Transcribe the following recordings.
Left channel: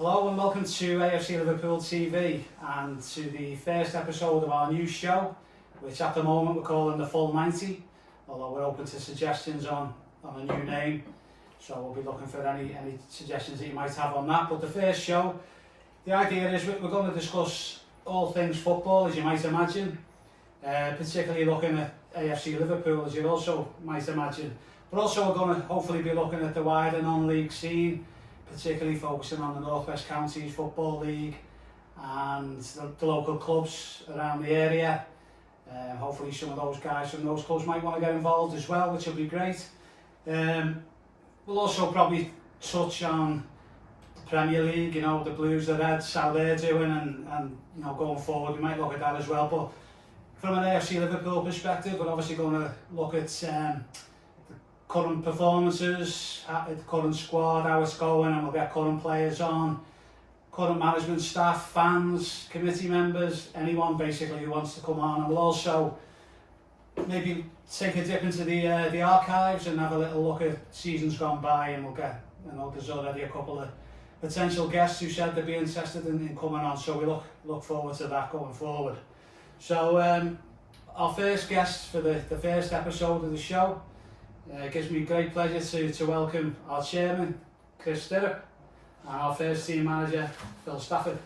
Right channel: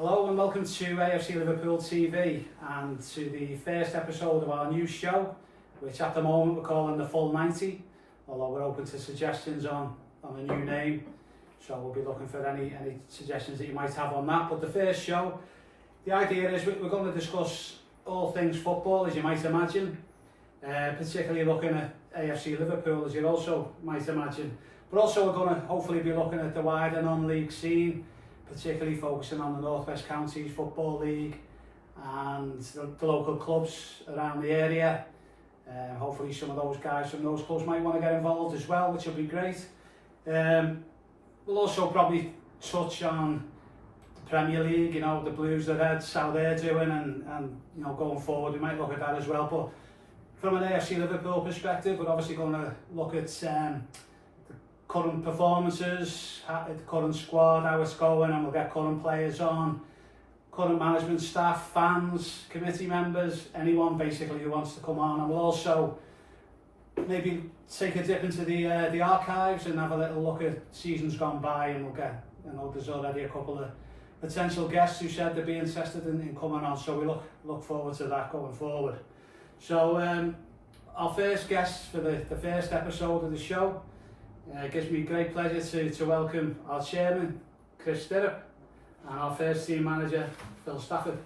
Hello and welcome to AFC Liverpool TV and to the first episode of our new show, which at the moment we're calling the Full 90, although we're open to suggestions on a new name, so we'll be looking for any suggestions that you might have on that. But the first show, the idea is we're going to discuss all things football, as you might imagine, particularly looking at AFC Liverpool, as you also might imagine, but also we're going to hopefully be looking at the wider non-league scene, particularly focusing on the North West Counties Football League and the local clubs around the area. Hopefully some of those guys from those clubs might want to get involved as well, which will be great. We'll also probably touch on the Premier League, you know, the Blues, the Reds, how they're doing, and you know, going forward we might look at that as well. But from an AFC Liverpool perspective, we're obviously going to look at current performances, the current squad, how it's going, and we'll get current players on, current management staff, fans, committee members, anyone basically who wants to come on. And we'll also maybe take a dip into the archives and have a little look at seasons gone by, and we'll get, you know, there's already a couple of potential guests who said they'd be interested in coming on, so we look forward to that going forward. So our first guest for the first episode of the show, it gives me great pleasure to welcome our chairman, Chris Stirrup, and our first team manager, Phil Stafford.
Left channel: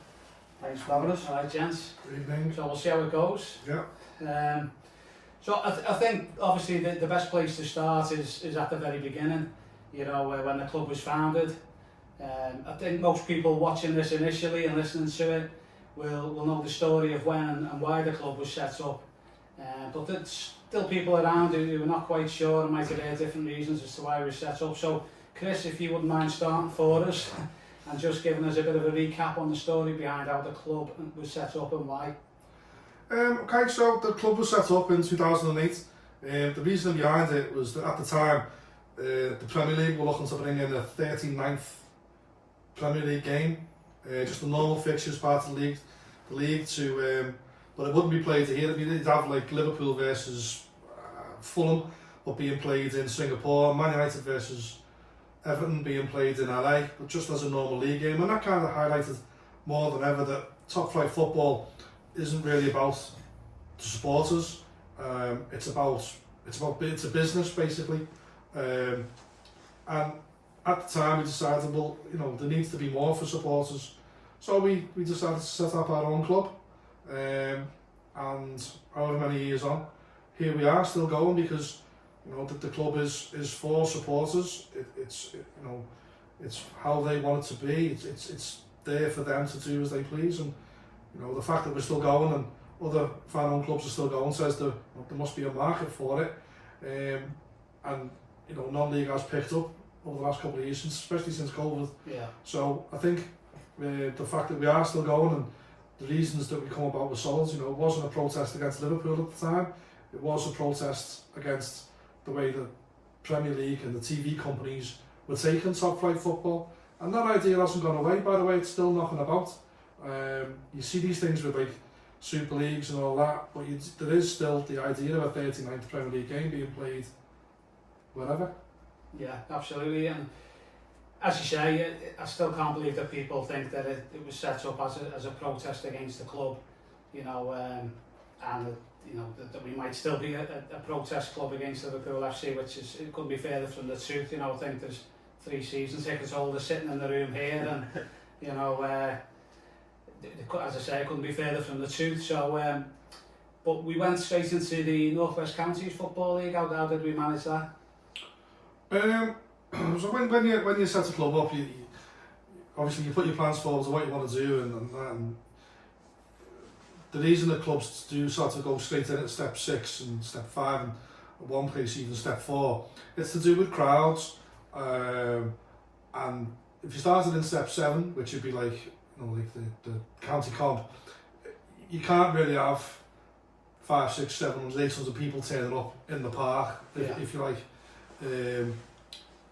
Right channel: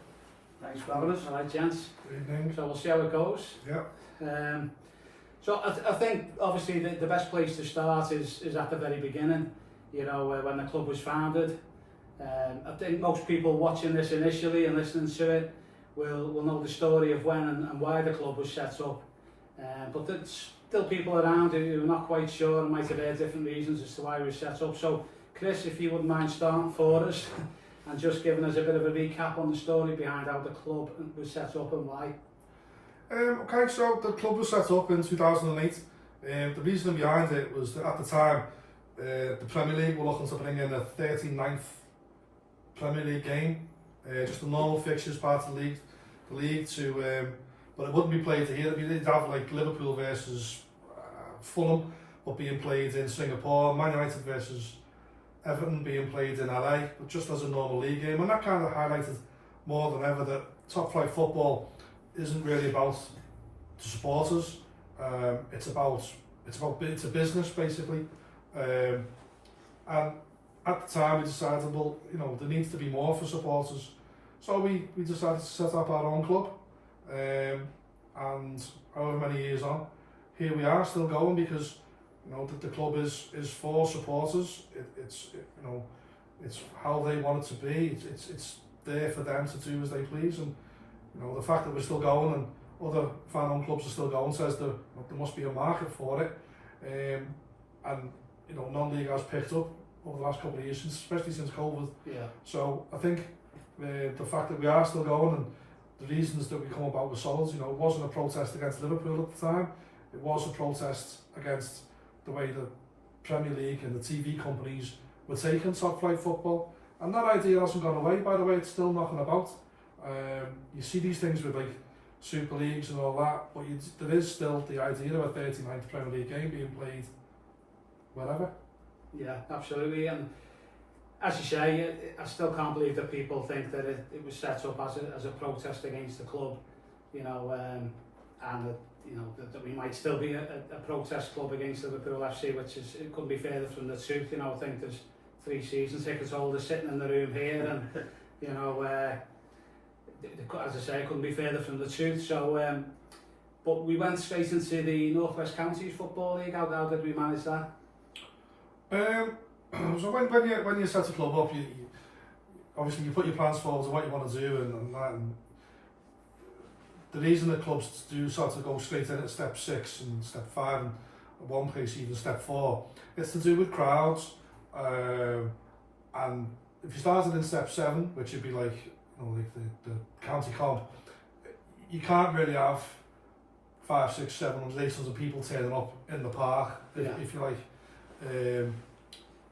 Thanks for having us. All right, gents. Good evening. So we'll see how it goes. Yeah. So I think obviously the best place to start is at the very beginning, you know, when the club was founded. I think most people watching this initially and listening to it will know the story of when and why the club was set up. But there's still people around who are not quite sure and might have heard different reasons as to why we were set up. So Chris, if you wouldn't mind starting for us and just giving us a bit of a recap on the story behind how the club was set up and why. Okay, so the club was set up in 2008. The reason behind it was that at the time the Premier League were looking to bring in a 39th Premier League game, just a normal fixtures part of the league to, but it wouldn't be played here. I mean, they'd have like Liverpool versus Fulham, but being played in Singapore, Man United versus Everton being played in LA, but just as a normal league game, and that kind of highlighted more than ever that top flight football isn't really about the supporters. It's a business basically, and at the time we decided, well, you know, there needs to be more for supporters, so we decided to set up our own club, and however many years on, here we are still going, because you know the club is for supporters. It's how they want it to be. It's there for them to do as they please, and you know the fact that we're still going and other fan-owned clubs are still going says there must be a market for it, and you know non-league has picked up over the last couple of years, especially since COVID. Yeah. So I think the fact that we are still going and the reasons that we come about with souls, you know, it wasn't a protest against Liverpool at the time. It was a protest against the way the Premier League and the TV companies were taking top flight football, and that idea hasn't gone away. By the way, it's still knocking about. You see these things with like Super Leagues and all that, but there is still the idea of a 39th Premier League game being played wherever. Yeah, absolutely. And as you say, I still can't believe that people think that it was set up as a protest against the club, you know, and that, you know, that we might still be a protest club against Liverpool FC, which it couldn't be further from the truth. You know, I think there's 3 season tickets holders sitting in the room here, and you know, as I say, it couldn't be further from the truth. So, but we went straight into the North West Counties Football League. How did we manage that? So when you set a club up, you obviously you put your plans forward to what you want to do, and that. And the reason that clubs do sort of go straight in at step 6 and step 5, and at one place even step 4, it's to do with crowds. And if you started in step 7, which would be like, you know, like the county comp, you can't really have 500, 600, 700, 800 people turning up in the park, if you like.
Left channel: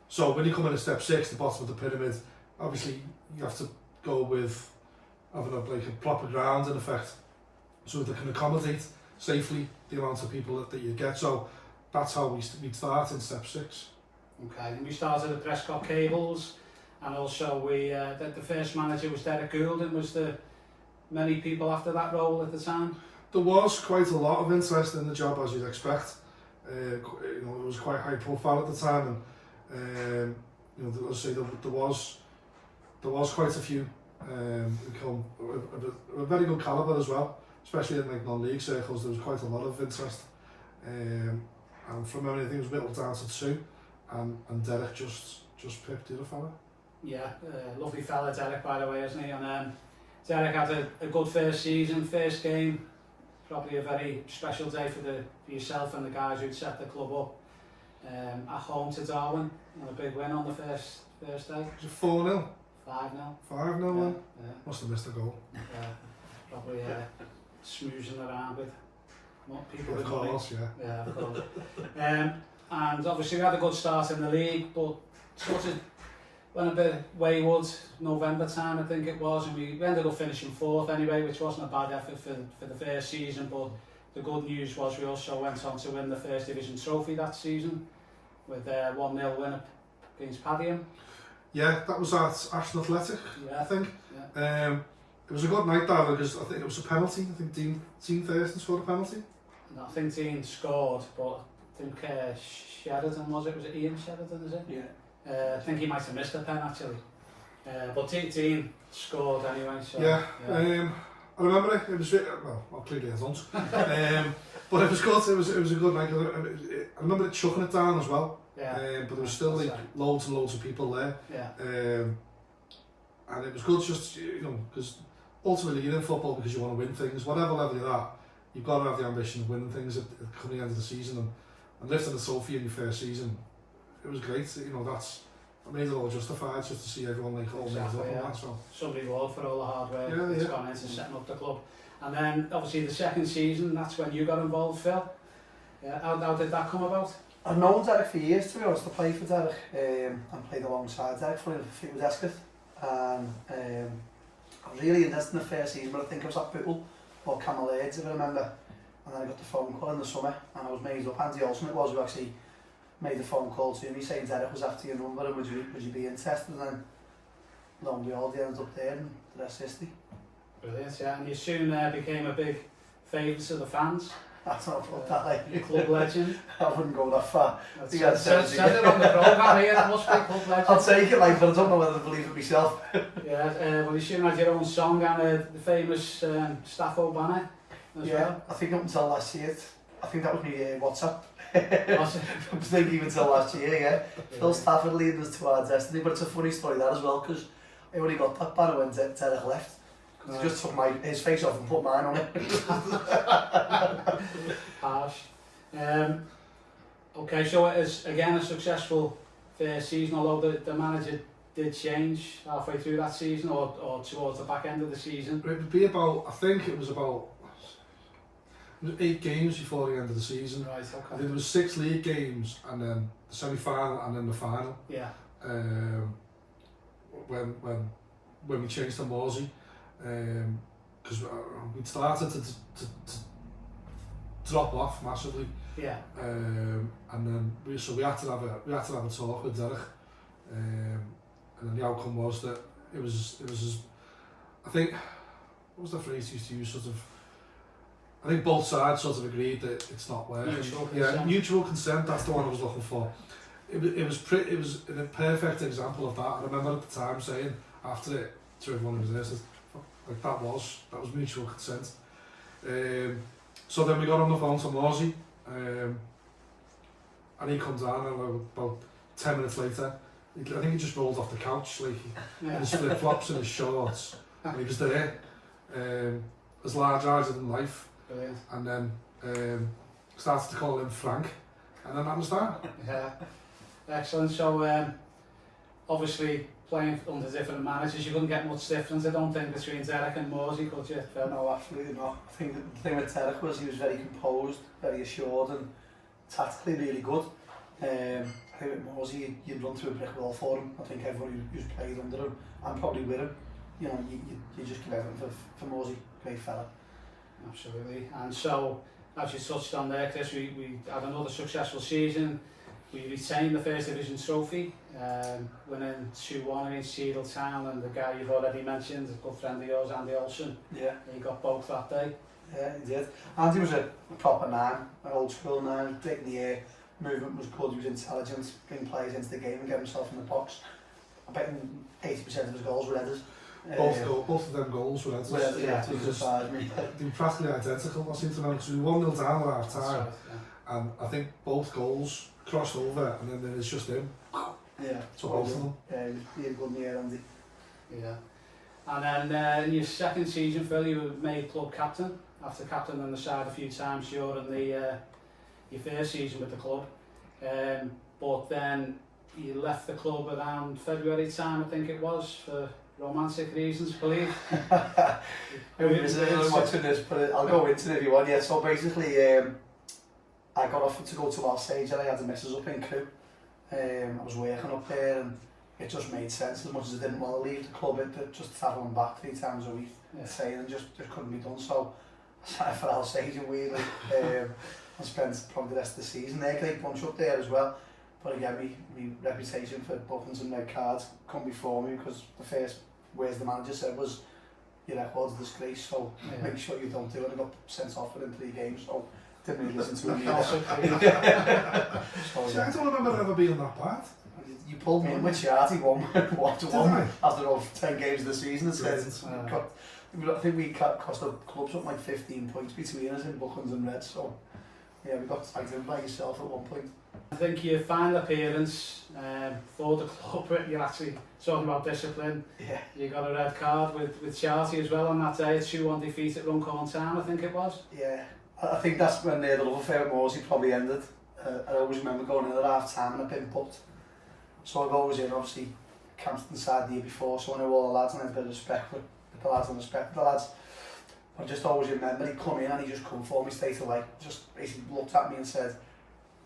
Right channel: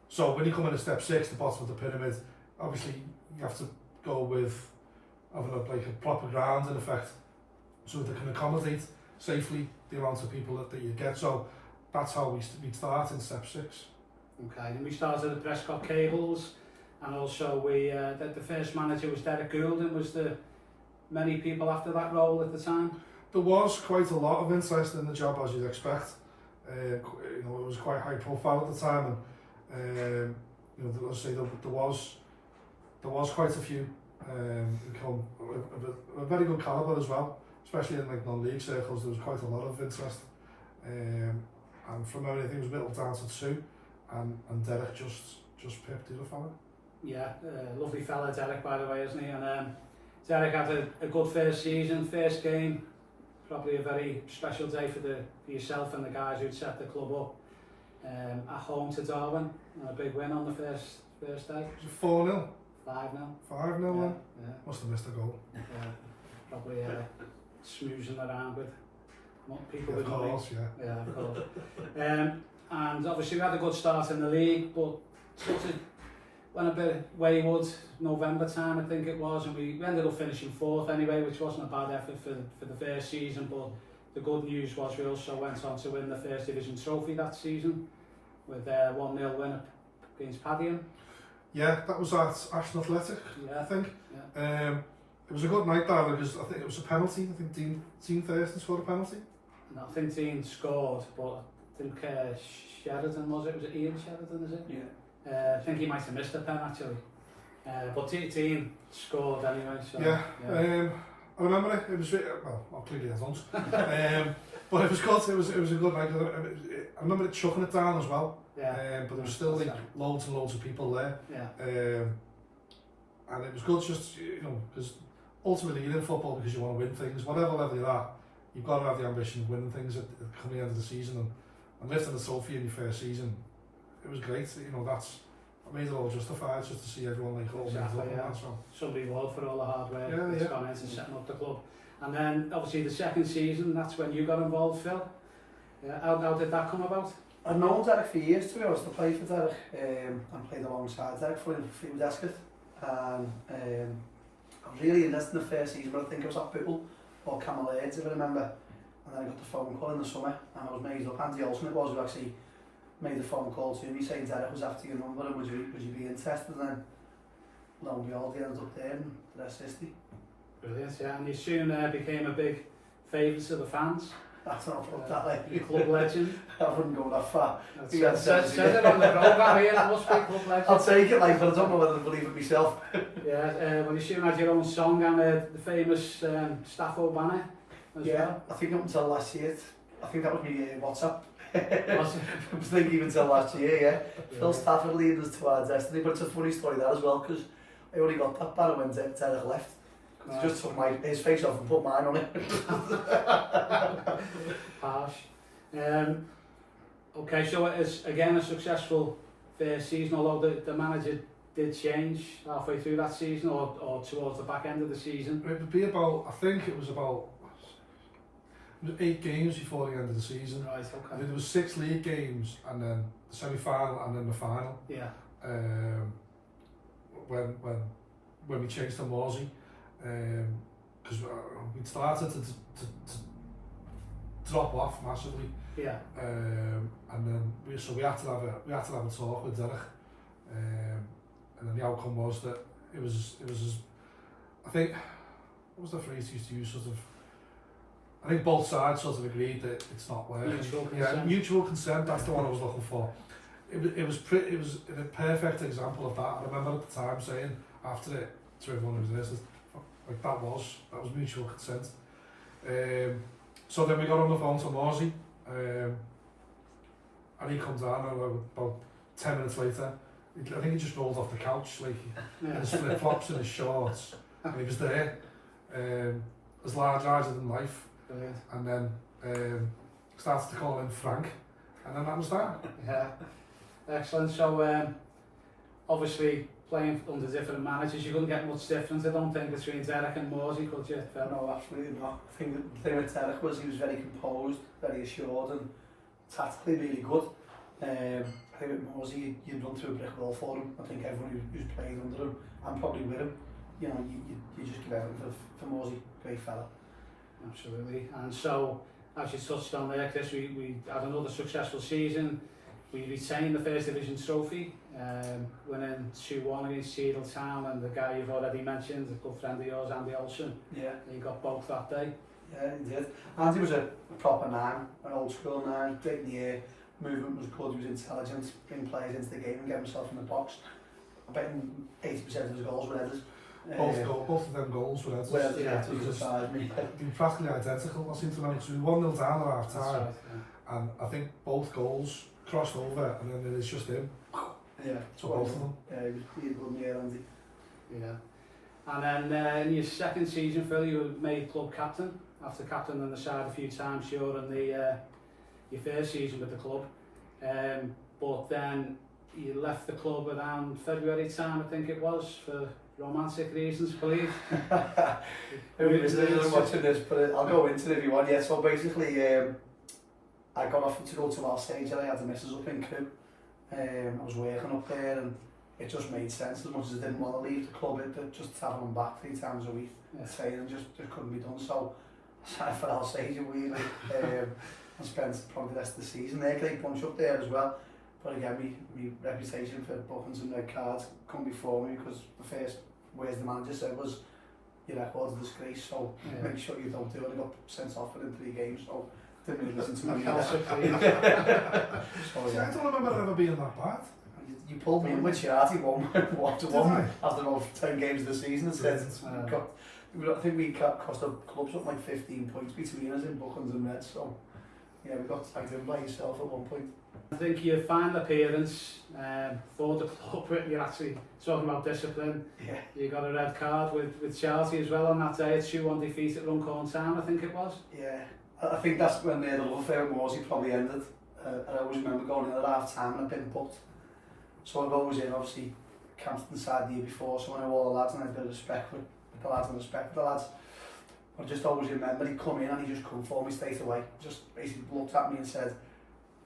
So when you come in at step 6, the bottom of the pyramid, obviously you have to go with having a proper ground in effect, so they can accommodate safely the amount of people that you get. So that's how we start in step 6. Okay, and we started at Prescott Cables, And also the first manager was Derek Gould, and was there many people after that role at the time? There was quite a lot of interest in the job, as you'd expect. It was quite high profile at the time, and let's say there was quite a few who come a very good calibre as well, especially in like non-league circles. There was quite a lot of interest, and from memory I think it was whittled down to 2, and Derek just picked the other fella. Yeah, lovely fella Derek, by the way, isn't he? And Derek had a good first season, first game, probably a very special day for yourself and the guys who'd set the club up at home to Darwin, and a big win on the first day. Was it 4-0? 5-0. 5-0 then? Yeah. Must have missed a goal. Yeah, probably smoozing around with people with Of money. course, yeah. Yeah, of course. And obviously we had a good start in the league, but sort of went a bit wayward November time, I think it was, and we ended up finishing 4th anyway, which wasn't a bad effort for the first season. But the good news was we also went on to win the First Division trophy that season with a 1-0 win against Padiham. Yeah, that was at Ashton Athletic, Yeah. I think. Yeah. It was a good night that, because I think it was a penalty. I think Dean Thurston scored a penalty. And I think Dean scored, but I think Sheridan was it Ian Sheridan, is it? Yeah. I think he might have missed a pen actually. But Dean scored anyway. So, Yeah. I remember it. It was clearly I don't. But it was good. It was a good night. I remember it chucking it down as well. Yeah. But there was still like loads and loads of people there. Yeah. And it was good, just because ultimately you're in football because you want to win things, whatever level you're at. You've got to have the ambition of winning things at the end of the season, and lifting the trophy in your first season. It was great. I made it all justified just to see everyone like all Exactly, up yeah. and that. So Some reward for all the hard work Yeah, that's yeah. gone into setting up the club. And then obviously the second season, that's when you got involved, Phil. Yeah, how did that come about? I've known Derek for years, to be honest. I played for Derek and played alongside Derek for Escott. And I was really interested in the first season, but I think I was at Bootle or Camel Aids, if I remember. And then I got the phone call in the summer, and I was made up. Andy Olsen it was who actually made the phone call to me saying Derek was after your number and would you be interested, and lo and behold, he ended up there, and the rest is history. Brilliant, yeah. And you soon became a big favourite of the fans. That's not about that, like. You're club legend. I wouldn't go that far. Said it on the programme here, it must be club legend. I'll take it, like, but I don't know whether to believe it myself. Yeah, well you soon had your own song and the famous Stafford banner as well. I think up until last year, I think that was me WhatsApp. Was it? I was thinking even until last year, yeah. Phil Stafford leading us to our destiny, but it's a funny story that as well, because I only got that banner when Derek left. He just took his face off and put mine on it. Harsh. Okay, so it is again a successful first season, although the manager did change halfway through that season or towards the back end of the season. it would be about, I think it was about 8 games before the end of the season. Right, I think okay. there was 6 league games, and then the semi-final, and then the final. Yeah. When we changed to Morsey, because we'd started to drop off massively. Yeah. And then we had to have a talk with Derek, and then the outcome was that it was I think, what was the phrase he used to use, sort of, I think both sides sort of agreed that it's not working. Mutual consent. Yeah, mutual consent, that's the one I was looking for. It was a perfect example of that. I remember at the time saying after it to everyone who was there, like that was mutual consent. So then we got on the phone to Morsey, and he comes down, and about 10 minutes later, I think he just rolled off the couch, like in his flip flops and his shorts, and he was there, as large-eyed than life. Brilliant. And then started to call him Frank, and then that was that. Yeah. Excellent. So obviously playing under different managers, you couldn't get much difference, I don't think, between Derek and Morsey, could you? No, absolutely not. I think the thing with Derek was he was very composed, very assured, and tactically really good. I think with Morsey, you'd run through a brick wall for him. I think everyone who's played under him, and probably with him, you just give everything for Morsey. Great fella. Absolutely. And so, as you touched on there, Chris, we had another successful season, we retained the First Division trophy, winning 2-1 against Cheadle and the guy you've already mentioned, a good friend of yours, Andy Olsen. Yeah. He got both that day. Yeah, he did. Andy was a proper nine, an old school nine, great in the air, movement was good, he was intelligent, bring players into the game and get himself in the box. I bet 80% of his goals were headers. Both of them goals were headers. Yeah, they were practically identical, I seem to remember, because we were 1-0 down at half time, and I think both goals crossed over, and then it was just him. Yeah, so both of them. Yeah, he was really good in the air, Andy. Yeah. And then in your second season, Phil, you were made club captain, after captaining the side a few times during your first season with the club. But then you left the club around February time, I think it was, for romantic reasons, I believe. Watching this, but I'll go into it if you want. Yeah, so basically, I got offered to go to Marseille and I had the missus up in Crewe. I was working up there and it just made sense, as much as I didn't want to leave the club, just travelling back 3 times a week, saying just couldn't be done. So I signed for Alsace weirdly, and spent probably the rest of the season there. Great bunch up there as well. But again, my reputation for buttons and red cards come before me, because the first words the manager said was, your record's a disgrace, so make sure you don't do it. I got sent off within 3 games, so didn't really listen to him either. I don't remember ever being that bad. You pulled me in with Charty 1-1 after all 10 games of the season. I think we cost the club something like 15 points between us in Buckens and Reds, so yeah, we got tied in by yourself at one point. I think your final appearance for the club, you're actually talking about discipline. Yeah. You got a red card with Charty as well on that day, 2-1 defeat at Runcorn Town, I think it was. Yeah, I think that's when the love affair with Morsey probably ended. I always remember going in at half time and I'd been booked. So I go always in, obviously, Campton side the year before, so I know all the lads and I had a bit of respect with the lads and respect for the lads. I just always remember he'd come in and he just come for me straight away. Just basically looked at me and said,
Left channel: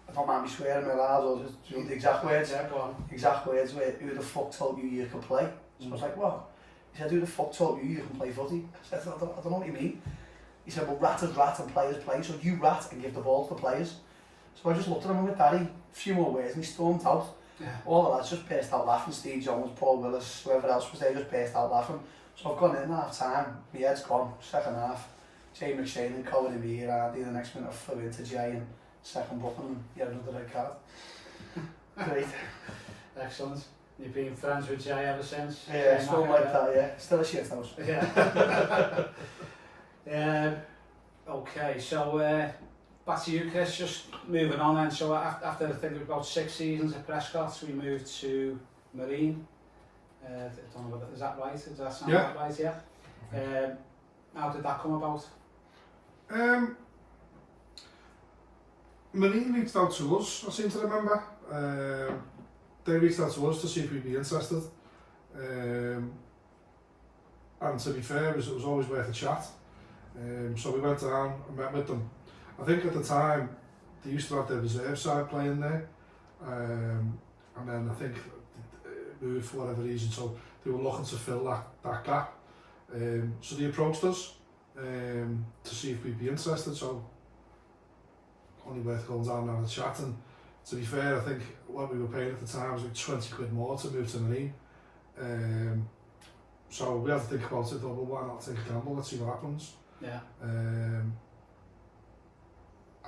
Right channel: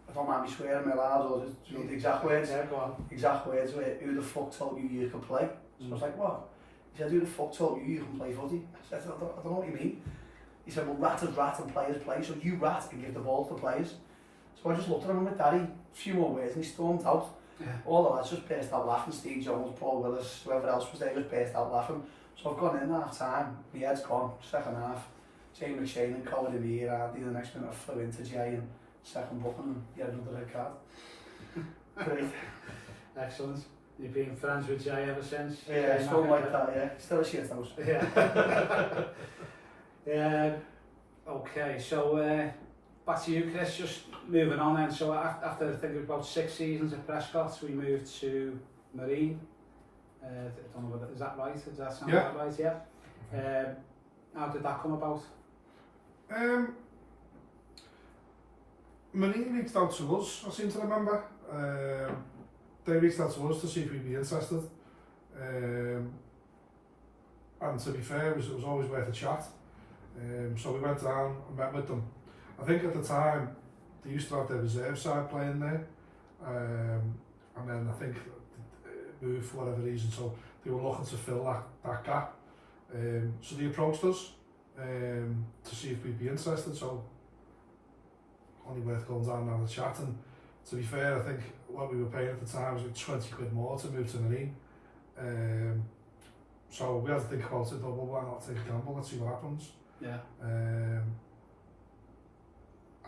I don't mind me swearing my lad, or the exact words. Yeah, go on. Exact words were, who the fuck told you could play? So I was like, what? He said, who the fuck told you can play footy? I said, I don't know what you mean. He said, well, rat is rat and players play, so you rat and give the ball to the players. So I just looked at him with Daddy, a few more words, and he stormed out. Yeah. All the lads just burst out laughing. Steve Jones, Paul Willis, whoever else was there just burst out laughing. So I've gone in at half time, my head's gone, second half. Jay McShane and Colin in me, Andy, the next minute I flew into Jay and second booking and he had another red card. Great. Excellent. You've been friends with Jay ever since? Yeah, still like that, yeah. Still a shit house. Yeah. Yeah. Okay, so back to you, Chris, just moving on then. So after I think about 6 seasons at Prescott, we moved to Marine. I don't know whether, is that right? Does that sound right? Yeah. How did that come about? Marine reached out to us, I seem to remember. They reached out to us to see if we'd be interested. And to be fair, it was always worth a chat. So we went down and met with them. I think at the time, they used to have their reserve side playing there. And then I think it moved for whatever reason, so they were looking to fill that gap. So they approached us to see if we'd be interested, so only worth going down and having a chat. And to be fair, I think what we were paying at the time was like 20 quid more to move to Marine. So we had to think about it, thought, well, why not take a gamble, let's see what happens. Yeah. And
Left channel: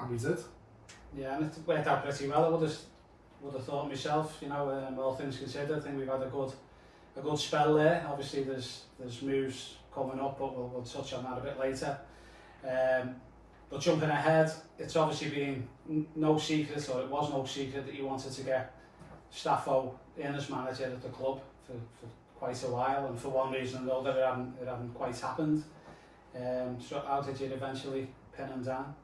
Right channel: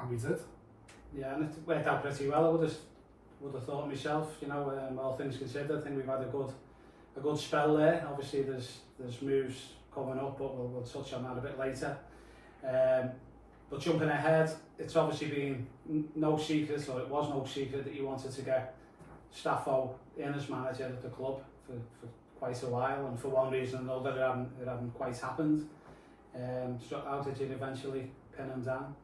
we did. Yeah, and it worked out pretty well. I would have thought myself, you know, all things considered, I think we've had a good spell there. Obviously there's moves coming up, but we'll touch on that a bit later. But jumping ahead, it's obviously been no secret, or it was no secret, that you wanted to get Staffo in as manager at the club for quite a while, and for one reason or another it hadn't quite happened. So how did you eventually pin him down?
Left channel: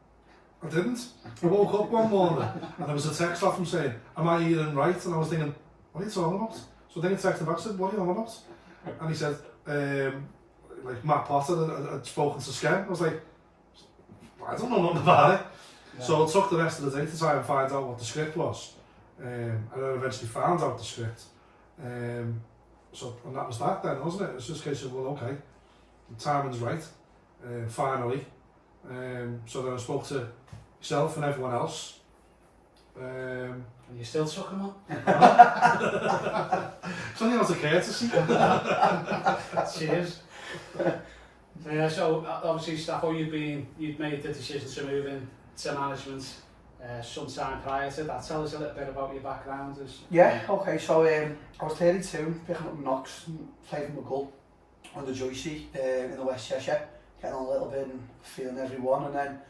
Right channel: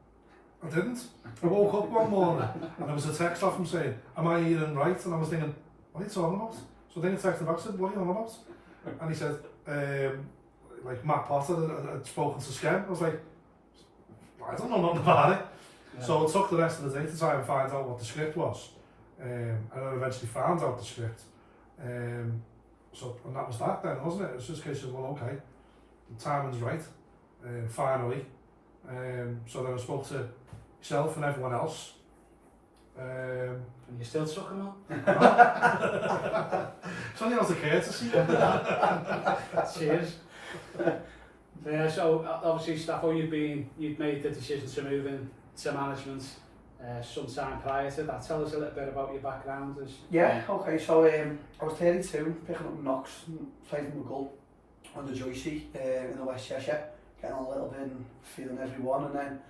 I didn't. I woke up one morning and there was a text off him saying, am I hearing right? And I was thinking, what are you talking about? So then he texted back and said, what are you on about? And he said, like Matt Potter had spoken to Skem. I was like, I don't know nothing about it. Yeah. So I took the rest of the day to try and find out what the script was. And then eventually found out the script. And that was that then, wasn't it? It was just a case of, well, okay, the timing's right, finally. So then I spoke to yourself and everyone else, And you're still sucking on? Something else a courtesy. Cheers. Yeah, so obviously, Staffo, you'd made the decision to move into management sometime prior to that. Tell us a little bit about your background. Yeah, okay, so I was 32, picking up Knox, playing for McGull under Joycey in the West Cheshire, getting on a little bit and feeling everyone, and then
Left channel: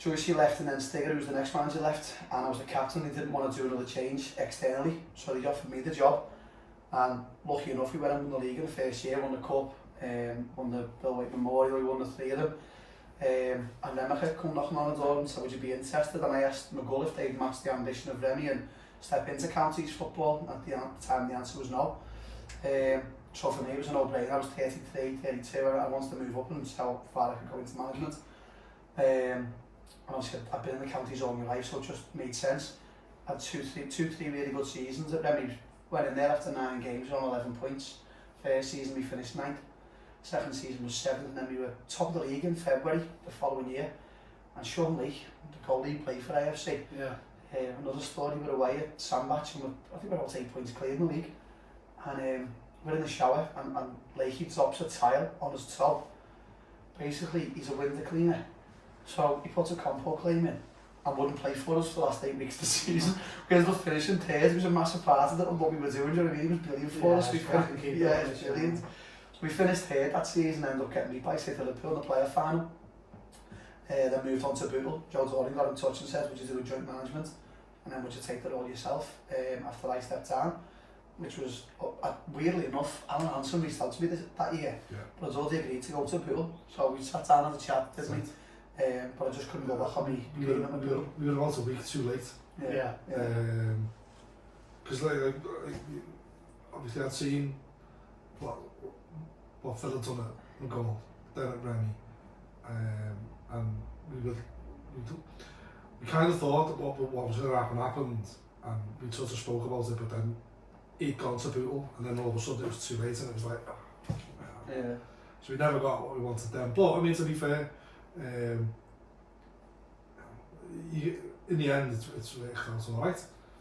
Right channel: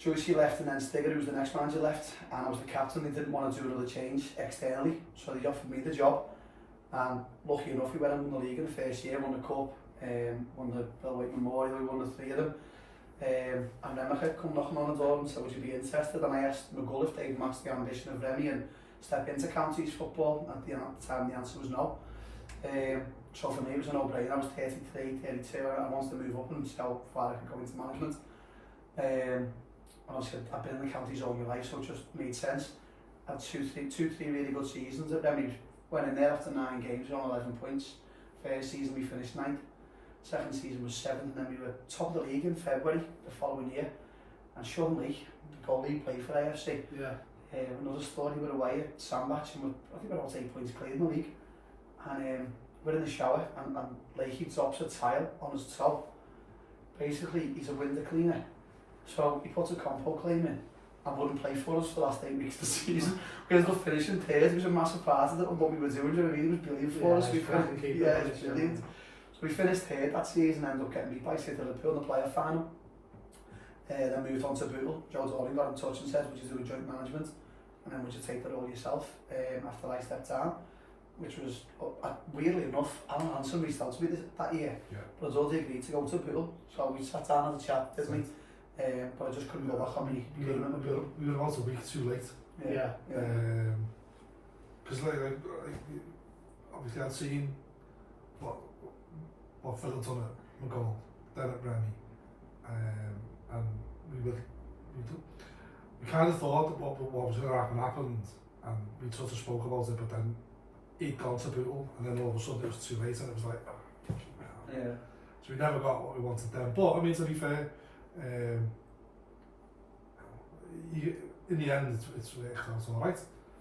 Joycey left and then Stigger, who was the next manager, left, and I was the captain. They didn't want to do another change externally, so they offered me the job, and lucky enough we went and won the league in the first year, won the cup, won the Bill Waite Memorial, we won the 3 of them. And Remicha come knocking on the door and said, would you be interested? And I asked McGull if they'd matched the ambition of Remy and step into counties football. At the time the answer was no. So for me it was a no-brainer. I was 33, 32, I wanted to move up and see how far I could go into management. And obviously I've been in the counties all my life, so it just made sense. I had two, three really good seasons at Remy. Went in there after 9 games, on 11 points. First season we finished 9th. Second season was 7th, and then we were top of the league in February the following year. And Sean Lee, the goalie, played for AFC. Yeah. Another story, we were away at Sandbach, and I think we were about 8 points clear in the league. And we're in the shower, and Leahy drops a tile on his toe. Basically, he's a window cleaner. So he puts a compo claim in and wouldn't play for us for the last 8 weeks of the season. We ended up finishing third. It was a massive part of it, and what we were doing, do you know what I mean? It was brilliant for us. It was brilliant. We finished third that season, ended up getting beat by City Liverpool in the playoff final. Then moved on to Bootle. Joe Doring got in touch and said, would you do a joint management? And then would you take that all yourself? After I stepped down, which was, weirdly enough, Alan Hansen reached out to me that year. Yeah. But I was already agreed to go to Bootle. So we sat down and had a chat, didn't we? But I just couldn't go back on me agreement with Bootle. We were about a week too late. Yeah. Because like, obviously I'd seen what Phil had done at McGull, then at Remy, and we kind of thought that what was going to happen happened, and we sort of spoke about it, but then he'd gone to Bootle, and then all of a sudden it was too late, and it was like, oh, yeah. So we never got what we wanted then. But I mean, to be fair, in the end, it's all right.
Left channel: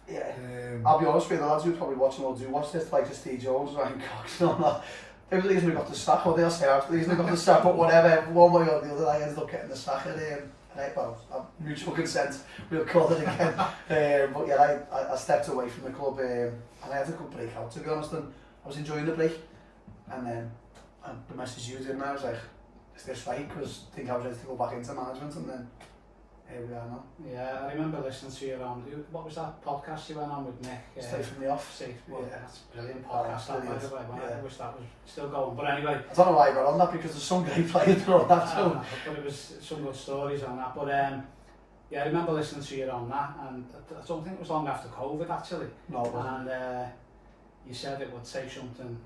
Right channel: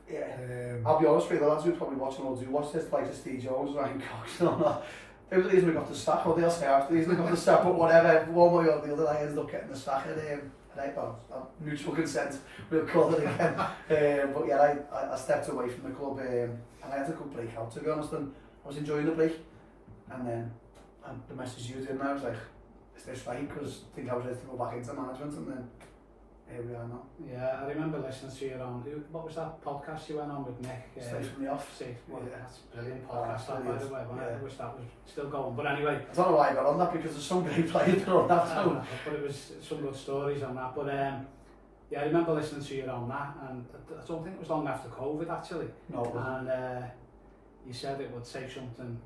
Yeah. I'll be honest with you, the lads who probably watching will do watch this, like Steve Jones, Ryan Cox, and all that. It was the reason we got the sack, or they'll say after the reason we got the sack, but whatever, one way or the other, I ended up getting the sack, and right, well, mutual consent, we'll call it again. But yeah, I stepped away from the club, and I had a good break out, to be honest, and I was enjoying the break. And then the message you did, and I was like, is this right? Because I think I was ready to go back into management, and then here we are now. Yeah, I remember listening to you on, what was that podcast you went on with Nick? Stay from the off. Well, yeah, that's a brilliant podcast, by the way. I wish that was still going, but anyway. I don't know why I got on that, because there's some great players on that too. But it was some good stories on that, but yeah, I remember listening to you on that, and I don't think it was long after COVID actually. No, it wasn't. And you said it would take something,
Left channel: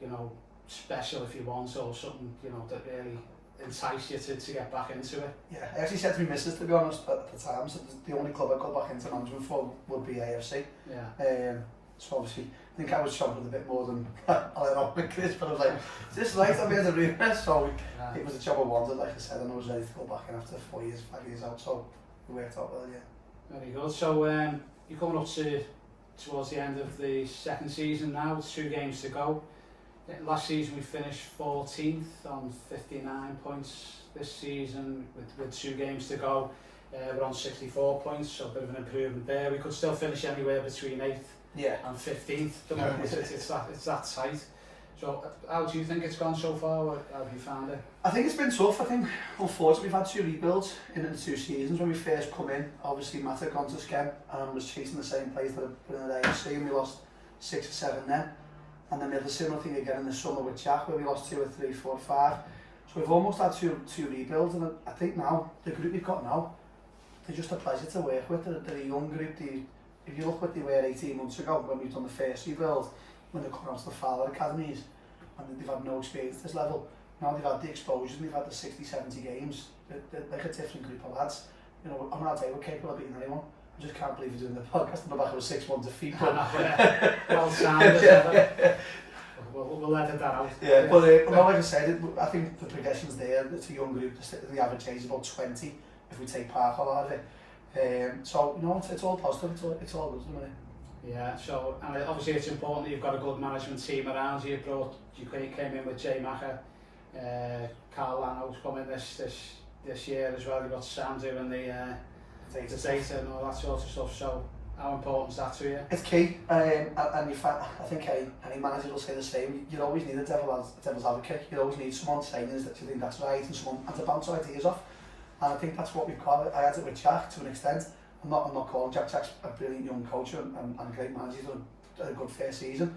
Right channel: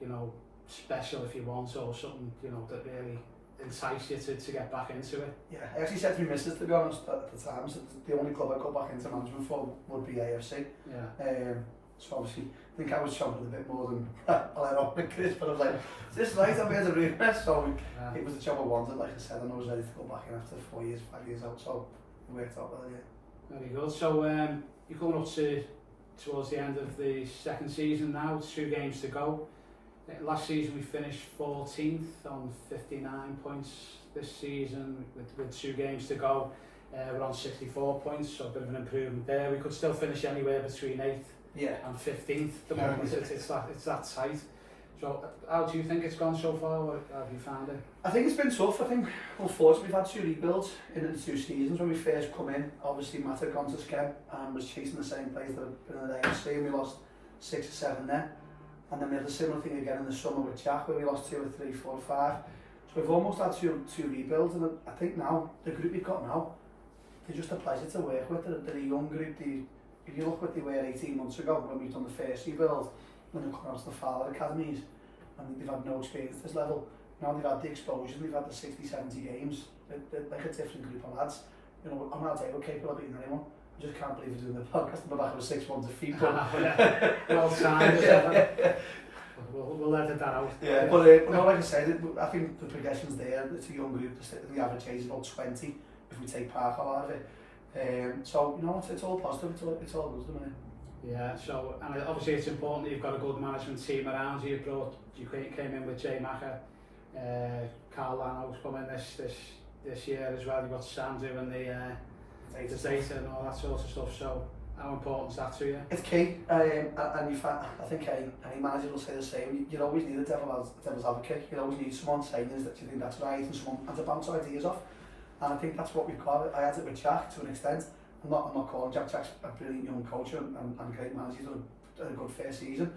you know, special if you want, or something, you know, that really entice you to get back into it. Yeah, I actually said to my missus, to be honest, at the time, so the only club I'd go back into management for would be AFC. Yeah. So obviously, I think I was struggling a bit more than I let on with Chris, but I was like, is this right? I've been a rumour. So it was a job I wanted, like I said, and I was ready to go back in after 5 years out, so it worked out well, yeah. Very good. So you're coming up towards the end of the second season now, 2 games to go. Last season we finished 14th on 59 points. This season with 2 games to go, we're on 64 points, so a bit of an improvement there. We could still finish anywhere between 8th and 15th at the moment. It's that tight. So how do you think it's gone so far? How have you found it? I think it's been tough. I think unfortunately we've had 2 rebuilds in the 2 seasons. When we first come in, obviously Matt had gone to Skem and was chasing the same players that had been in the AFC, and we lost 6 or 7 then. And then we had a similar thing again in the summer with Jack, where we lost 2 or 3, 4 or 5. So we've almost had two rebuilds, and I think now, the group we've got now, they're just a pleasure to work with. They're a young group. If you look what they were 18 months ago, when we've done the first rebuild, when they come out to the Father Academies, and they've had no experience at this level. Now they've had the exposure, and they've had the 60, 70 games. They're like a different group of lads. You know, I'm not saying we're capable of beating anyone. I just can't believe we're doing the podcast on the back of a 6-1 defeat. But well timed. We'll let that out. Yeah, but no, like I said, I think the progression's there. It's a young group. The average age is about 20 if we take Parker out of it. So you know, it's all positive. It's all good at the minute. Yeah, so, and obviously it's important that you've got a good management team around you. You came in with Jay Macker, Carl Lano's coming this year as well. You've got Sam doing the data and all that sort of stuff. So, how important is that to you? It's key, and you find, I think any manager will say the same. You always need a devil's advocate. You always need someone saying that you think that's right and someone to bounce ideas off. And I think that's what we've got. I had it with Jack to an extent. I'm not calling Jack. Jack's a brilliant young coach and a great manager. He's done a good first season.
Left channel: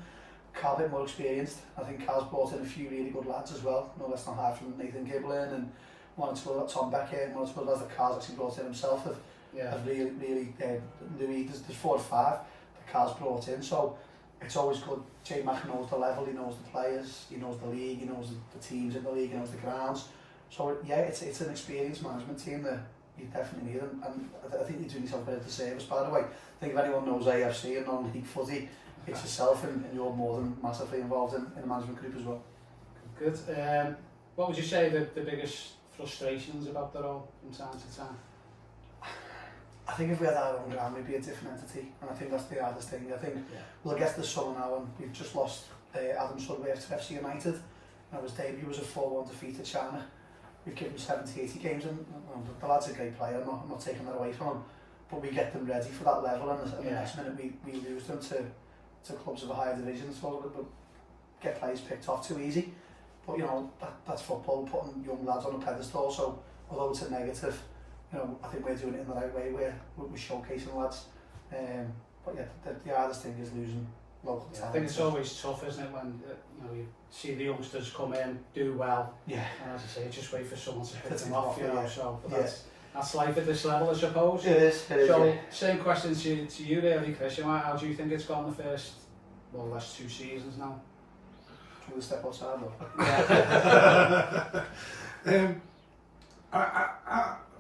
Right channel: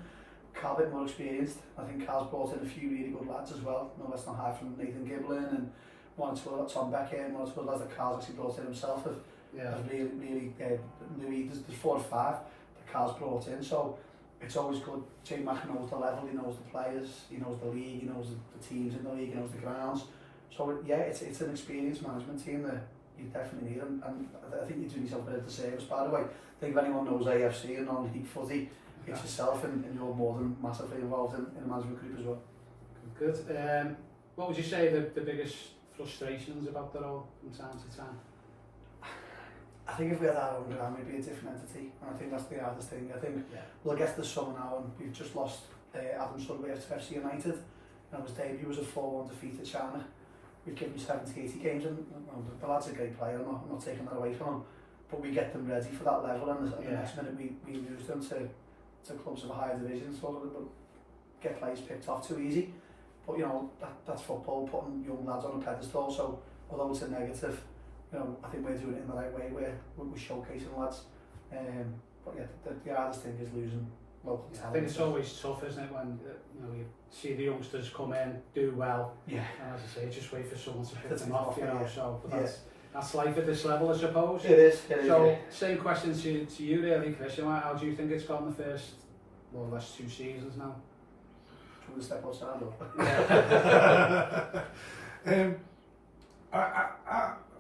Carl a bit more experienced. I think Carl's brought in a few really good lads as well. No less than high from Nathan Giblin and one or two of Tom Beckett and one or two of lads that Carl's actually brought in himself. Have really Louis, there's 4 or 5 that Carl's brought in. So it's always good. Jay Mack knows the level, he knows the players, he knows the league, he knows the teams in the league, he knows the grounds. So yeah, it's an experienced management team that you definitely need them, and I think you're doing yourself a bit of disservice, by the way. I think if anyone knows AFC and non-league footy, it's yourself, and you're more than massively involved in the management group as well. Good. What would you say the biggest frustrations about the role from time to time? I think if we had our own ground, we'd be a different entity, and I think that's the hardest thing. I think we'll get to the summer now, and we've just lost Adam Sudbury to FC United, and his debut was a 4-1 defeat to China. We've given 70-80 games, and the lad's a great player, I'm not taking that away from him, but we get them ready for that level, and the next minute we lose them to clubs of a higher division, so we'll get players picked off too easy. But you know, that's football, putting young lads on a pedestal, so although it's a negative, you know, I think we're doing it in the right way, we're showcasing lads. But yeah, the hardest thing is losing local talent. I think it's always tough, isn't it, when you see the youngsters come in, do well, and as I say, just wait for someone to pick them off, you know. So, but that's life at this level, I suppose. It is. So, same question to you really, Chris. How do you think it's gone the first, more or less, 2 seasons now? Should we step outside?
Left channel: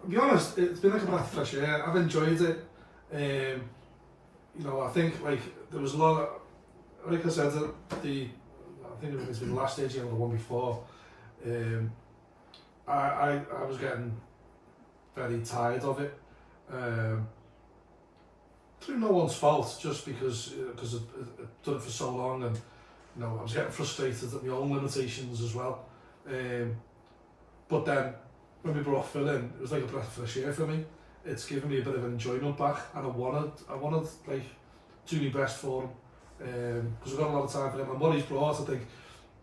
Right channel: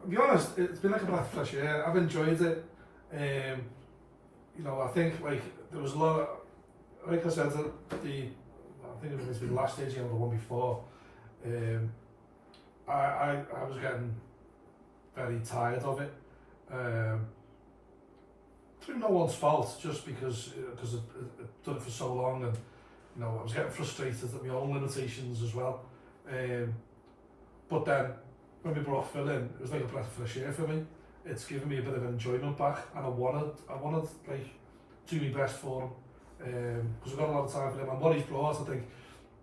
To be honest, it's been like a breath of fresh air. I've enjoyed it. You know, I think there was a lot of, like I said, I think it was the last AGM or the one before. I was getting very tired of it. Through no one's fault, just because I've done it for so long, and you know, I was getting frustrated at my own limitations as well. But then when we brought Phil in, it was like a breath of fresh air for me. It's given me a bit of enjoyment back, and I wanted like do my best for him, because we've got a lot of time for him. And what he's brought, I think,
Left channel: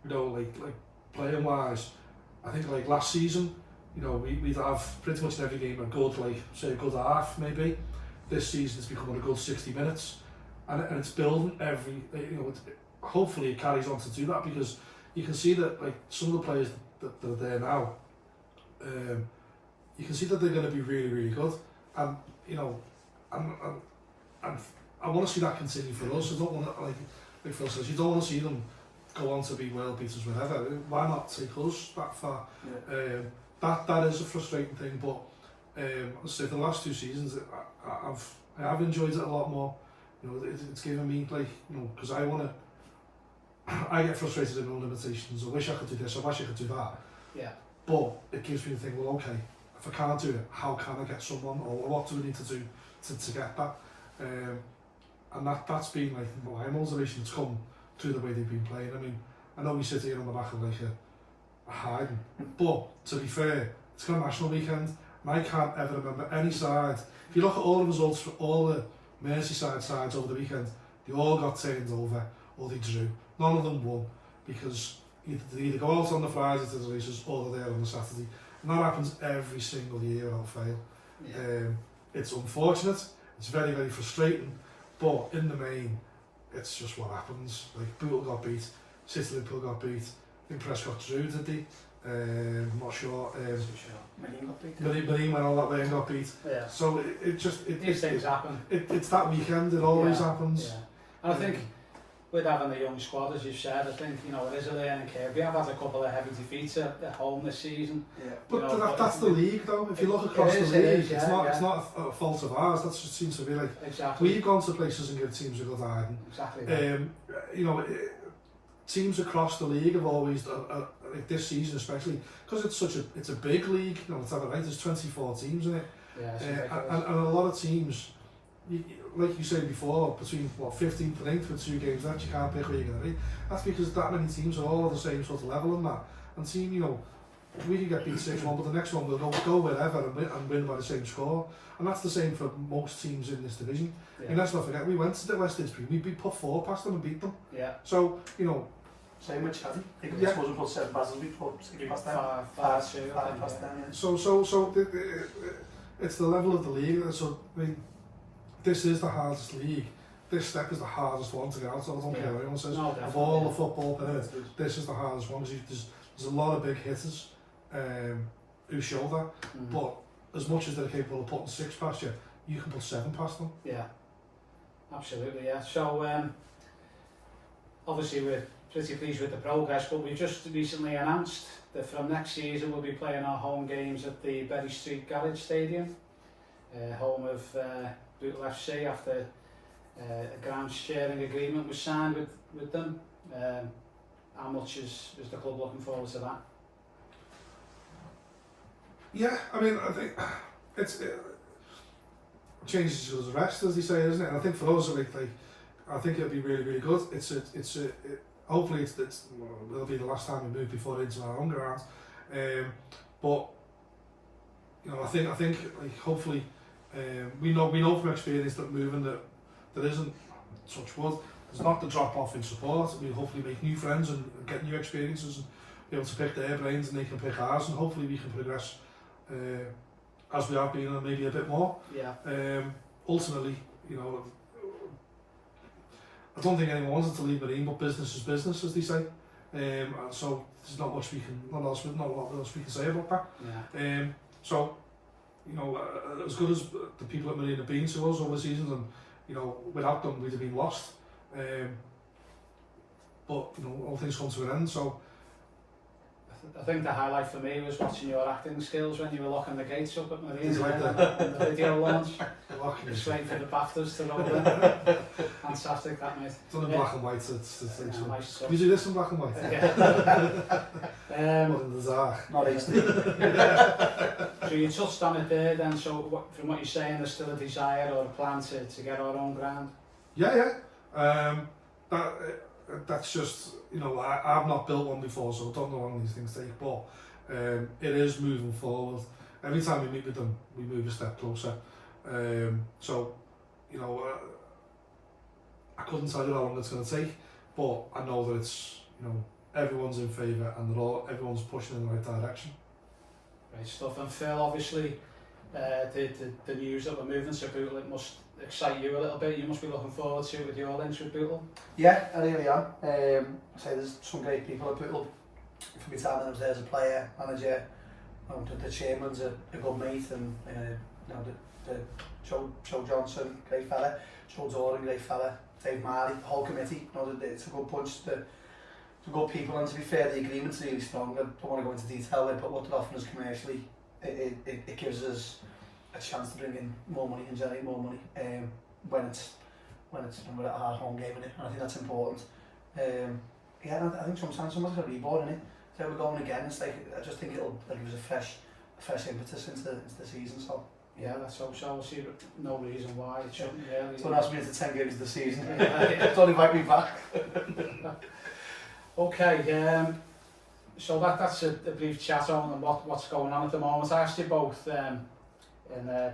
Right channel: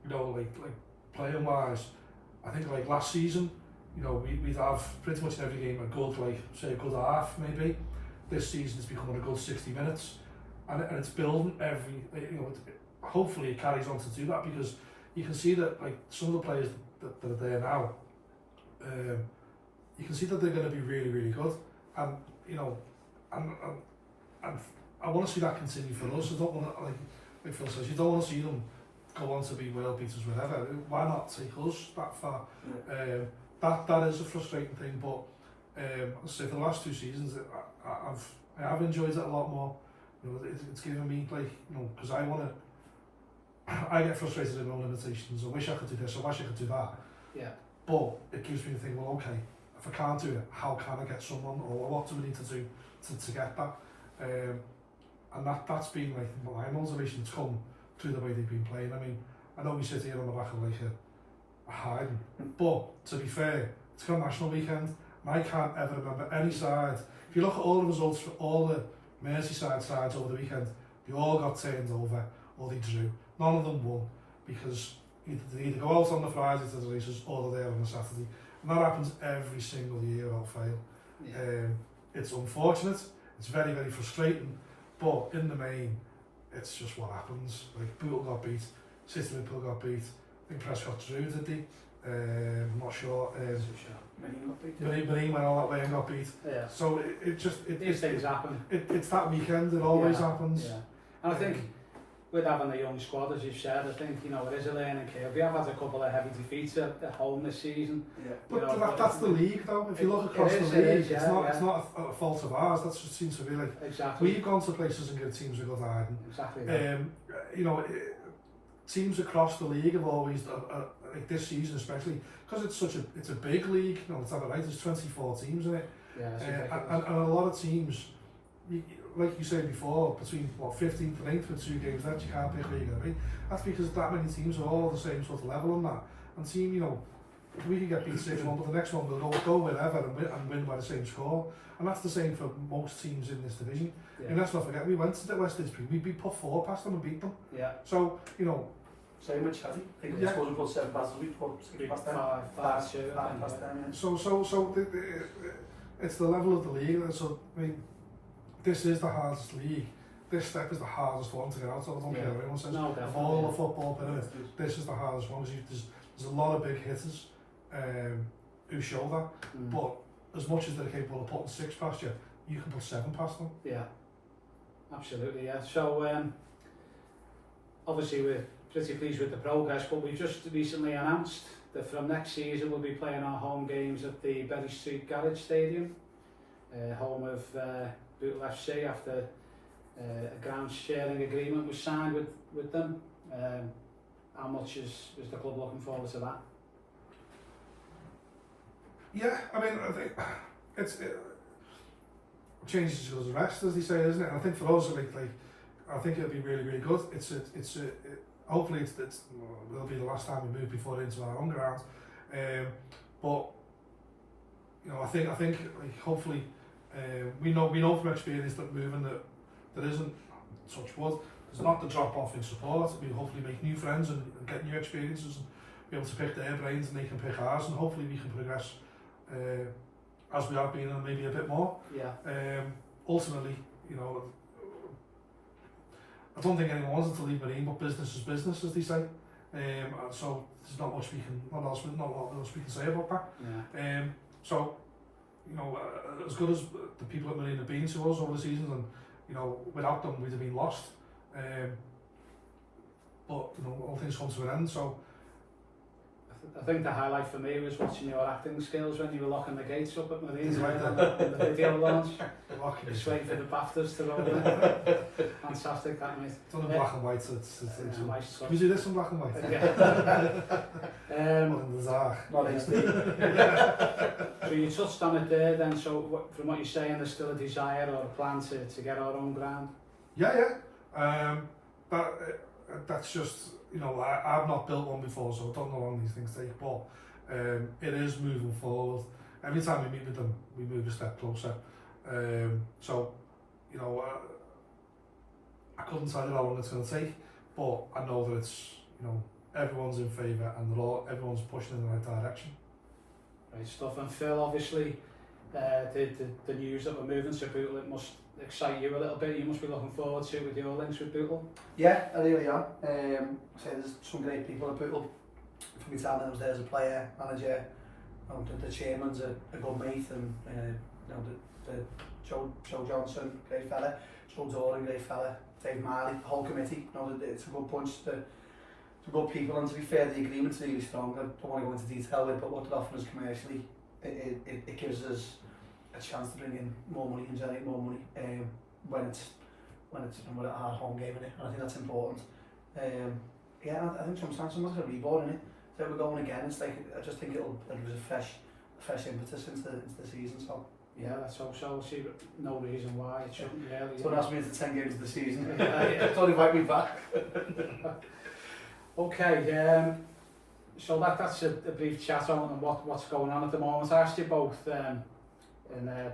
you know, like playing wise, I think like last season, you know, we'd have pretty much in every game a good, like say a good half maybe. This season it's becoming a good 60 minutes, and it's building every, you know, hopefully it carries on to do that, because you can see that like some of the players that are there now, you can see that they're going to be really, really good, and you know, and I want to see that continue for us. I don't want to, like Phil says, you don't want to see them go on to be world beaters, whatever. Why not take us that far? That is a frustrating thing, but I'll say for the last 2 seasons, I have enjoyed it a lot more. You know, it's given me, like, you know, because I get frustrated in my own limitations. I wish I could do this, I wish I could do that. Yeah. But it gives me the thing, well, okay, if I can't do it, how can I get someone, or what do we need to do to get that? And that's been like my motivation to come through the way they've been playing. I mean, I know we sit here on the back of like a hiding, but to be fair, it's got a national weekend, and I can't ever remember any side. If you look at all the results for all the Merseyside sides over the weekend, they all got turned over, or they drew. None of them won, because they either go out on the Friday to the races, or they're there on the Saturday. And that happens every single year without fail. Yeah. It's unfortunate, it's very, very frustrating, but in the main, it's just what happens. Like, Bootle got beat, City Liverpool got beat, I think Prescott drew, did they? I'm not sure. Marine went all that way and got beat. Yeah. So these things happen. It's that weekend, it always happens. Yeah. And I think with having a young squad, as you've said, I think, you know, it is a learning curve. We have had a couple of heavy defeats at home this season. Yeah. But that's the league, though. If you look across the league, it's not a fault of ours. That just seems to be like, we've gone to places and given teams a good hiding. Exactly. You know, teams across the league have always like this season especially, because it's a big league. You know, let's have it right. There's 24 teams in it, and a lot of teams, like you said before, between 15th and 8th with 2 games left, you can't pick where you're going to be. That's because that many teams are all the same sort of level and that. And team, you know, we can get beat 6-1, but the next one will go wherever and win by the same score. And that's the same for most teams in this division. Yeah. And let's not forget, we went to the West District, we put 4 past them and beat them. Yeah. So, you know. Same with Chatty. I think Yeah. we put 7 past us, we put 6 past them. 5 past them. So it's the level of the league. So, I mean, this is the hardest league. This step is the hardest one to get out of. I don't care what anyone says. No, of all the football players, this is the hardest one. There's a lot of big hitters who show that. But as much as they're capable of putting 6 past you, you can put 7 past them. Yeah, absolutely, yeah. So, obviously we're pretty pleased with the progress, but we've just recently announced that from next season we'll be playing our home games at the Berry Street Garage Stadium, home of Bootle FC, after a ground sharing agreement was signed with them. How much is the club looking forward to that? Yeah, I mean, I think it changes as good as the rest, as they say, isn't it? And I think for us, I think it'll be really, really good. Hopefully it'll be the last time we move before into our own ground. But you know, I think like, hopefully we know from experience that moving that there isn't, touch wood, there's not the drop off in support. We hopefully make new friends and get new experiences and be able to pick their brains and they can pick ours, and hopefully we can progress as we have been, and maybe a bit more. Yeah. Ultimately, you know, I don't think anyone wants it to leave Marine, but business is business, as they say. So there's not much not a lot else we can say about that. Yeah. So, you know, as good as the people at Marine have been to us over the seasons, and you know, without them we'd have been lost. But you know, all things come to an end. So I think the highlight for me was watching your acting skills when you were locking the gates up at Marine Like in the video launch. locking Just waiting for the BAFTAs to roll in. Fantastic, that mate. done in black and white. It's Nice stuff. you do this in black and white. Yeah. In the dark. Not easy. So you touched on it there then, so from what you're saying, there's still a desire or a plan to get our own ground? Yeah. That's just, you know, I've not built one before, so I don't know how long these things take, but it is moving forward. Every time we meet with them, we move a step closer. So, you know, I couldn't tell you how long it's going to take, but I know that it's, you know, everyone's in favour and everyone's pushing in the right direction. Great stuff. And Phil, obviously, the news that we're moving to Bootle, it must excite you a little bit. You must be looking forward to it with your links with Bootle. Yeah, I really am. So there's some great people at Bootle. From my time when I was there as a player, manager, you know, the chairman's a good mate, and you know, the Joe Johnson, great fella, Joe Doran, great fella, Dave Marley, the whole committee. You know, it's a good bunch. The good people, and to be fair, the agreement's really strong. I don't want to go into detail with it, but what they're offering us commercially, it gives us a chance to bring in more money and generate more money when it's a hard home game, in it. And I think that's important. Yeah, I think sometimes someone's got to be bored in it. So we're going again. It's like, I just think it'll give us a fresh impetus into the season. So yeah, let's hope so. We'll see, but no reason why it shouldn't really. Don't ask me into 10 games of the season. Yeah. Don't invite me back. Okay, so that's a brief chat on what's going on at the moment. I asked you both in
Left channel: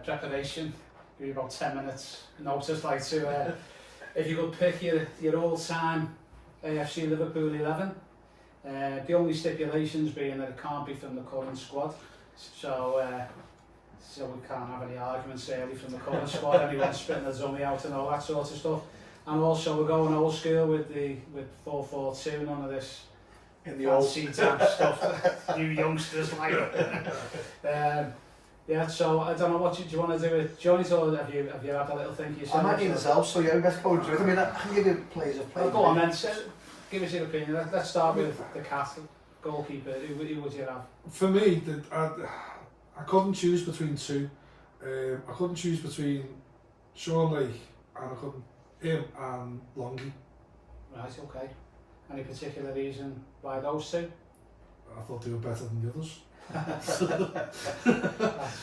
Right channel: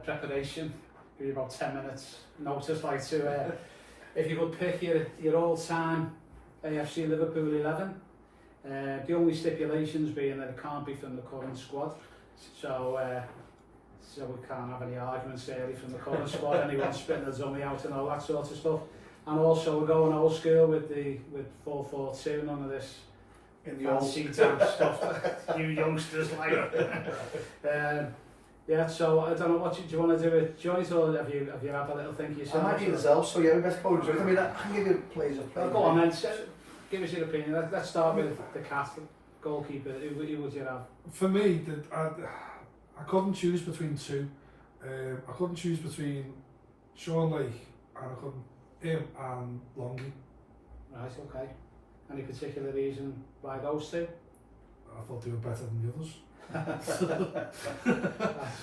preparation, give you about 10 minutes notice, like to if you could pick your all-time AFC Liverpool 11. The only stipulations being that it can't be from the current squad, so we can't have any arguments really from the current squad, anyone spitting the dummy out and all that sort of stuff. And also we're going old school with 4-4-2, none of this In the old fancy type stuff you youngsters like. Yeah, so I don't know, what do you want to do with Johnny's, or have you had a little think yourself? I might give myself, so yeah, best go into it. I mean, I can give you players of play. Well, go on then, give us your opinion. Let's start with the Castle goalkeeper. Who would you have? For me, I couldn't choose between two. I couldn't choose between Sean Lake and him and Longy. Right, okay. Any particular reason why those two? I thought they were better than the others.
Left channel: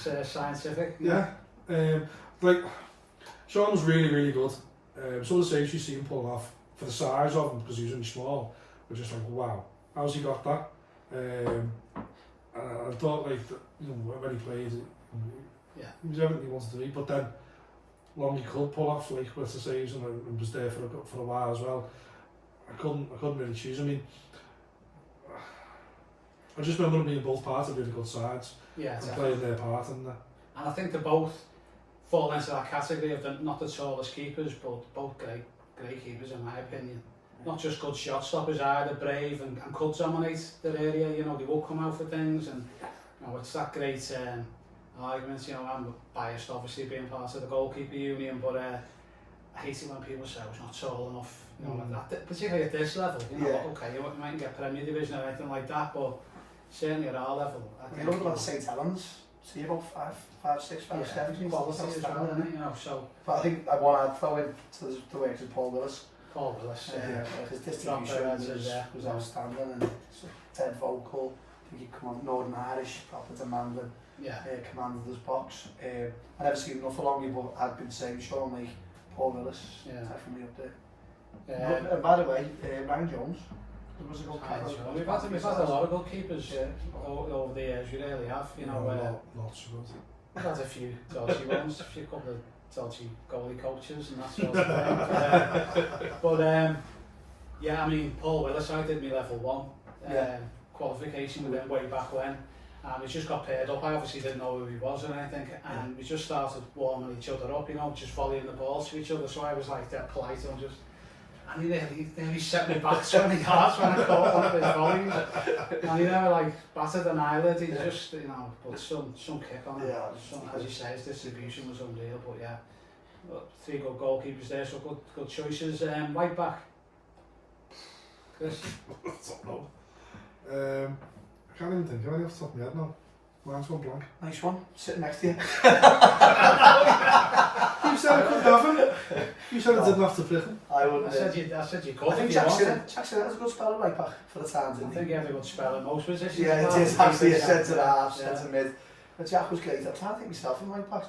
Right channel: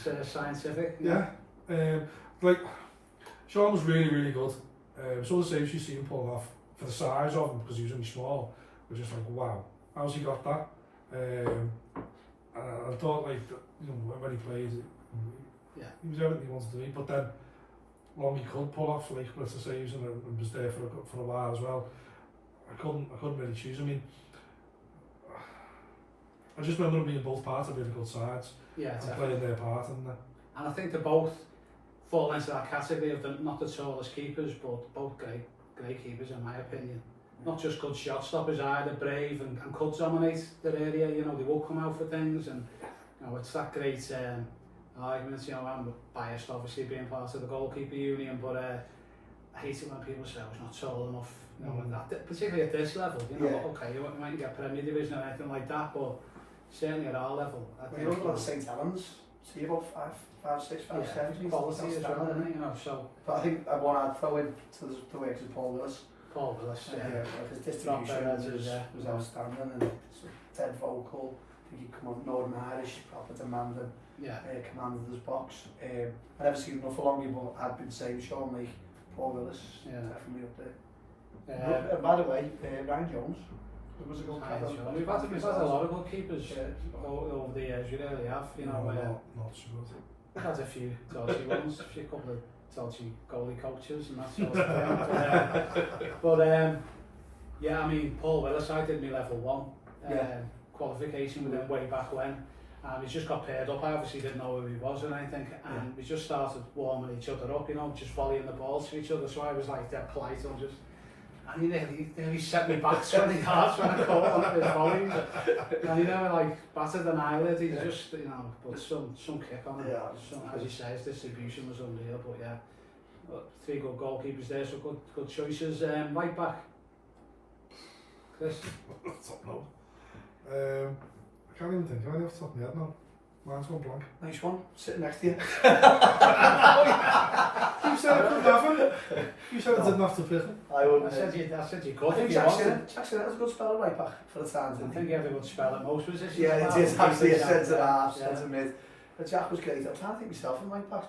That's scientific. Yeah. Like, Sean was really, really good. Some of the saves you see him pulling off for the size of him, because he was really small, were just like, wow, how's he got that? I thought, like, you know, when he played, Yeah. he was everything he wanted to do, but then long he could pull off, like, with the saves, and was there for a while as well. I couldn't really choose. I mean, I just remember them being both parts of really good sides, Yeah, and definitely. playing their part in there. And I think they both fall into that category of not the tallest keepers, but both great keepers in my opinion. Not just good shot stoppers either, brave and could dominate their area, you know, they will come out for things, and you know, it's that great argument, you know, I'm biased obviously being part of the goalkeeper union, but I hate it when people say I was not tall enough, you know, particularly at this level, you know, okay, you mightn't get Premier Division or anything like that, but certainly at our level. I You know, about St Helens, see about 5, 6, 5, 7. Quality as well, isn't it, you know, so. But I think one I'd throw in to the works of Paul Willis. Like his distribution was outstanding, and dead vocal. I think he'd come on Northern Irish, proper demanding, command of his box. I never seen him for long, but I'd been saying Sean, like Paul Willis, definitely up there. By the way, Ryan Jones was a good keeper. We've had a lot of good keepers over the years, we really have. You know, lots of good. we've had a few dodgy ones, a couple of dodgy goalie coaches and that sort of thing. But yeah, I mean, Paul Willis, I did my level 1 qualification with him way back when, and we just got paired up. I obviously didn't know who he was and anything, and we just started warming each other up, you know, just volleying the balls to each other. So I was like that polite and just, and he nearly set me back 20 yards when I caught one of his volleys, and he never like battered an eyelid. He just, you know, put some kick on it. As he says, distribution was unreal. But yeah, 3 good goalkeepers there, so good choices. Right back, Chris. I don't know. I can't even think of any off the top of my head now. Mine's gone blank. Nice one, sitting next to you. You said I couldn't have him. You said I didn't have to pick him. I wouldn't. I said you could. I think Jackson has a good spell right back for the times. I think everyone spell at most positions. Yeah, it is actually a centre half, centre mid. But Jack was great. I'm trying to think myself in right backs.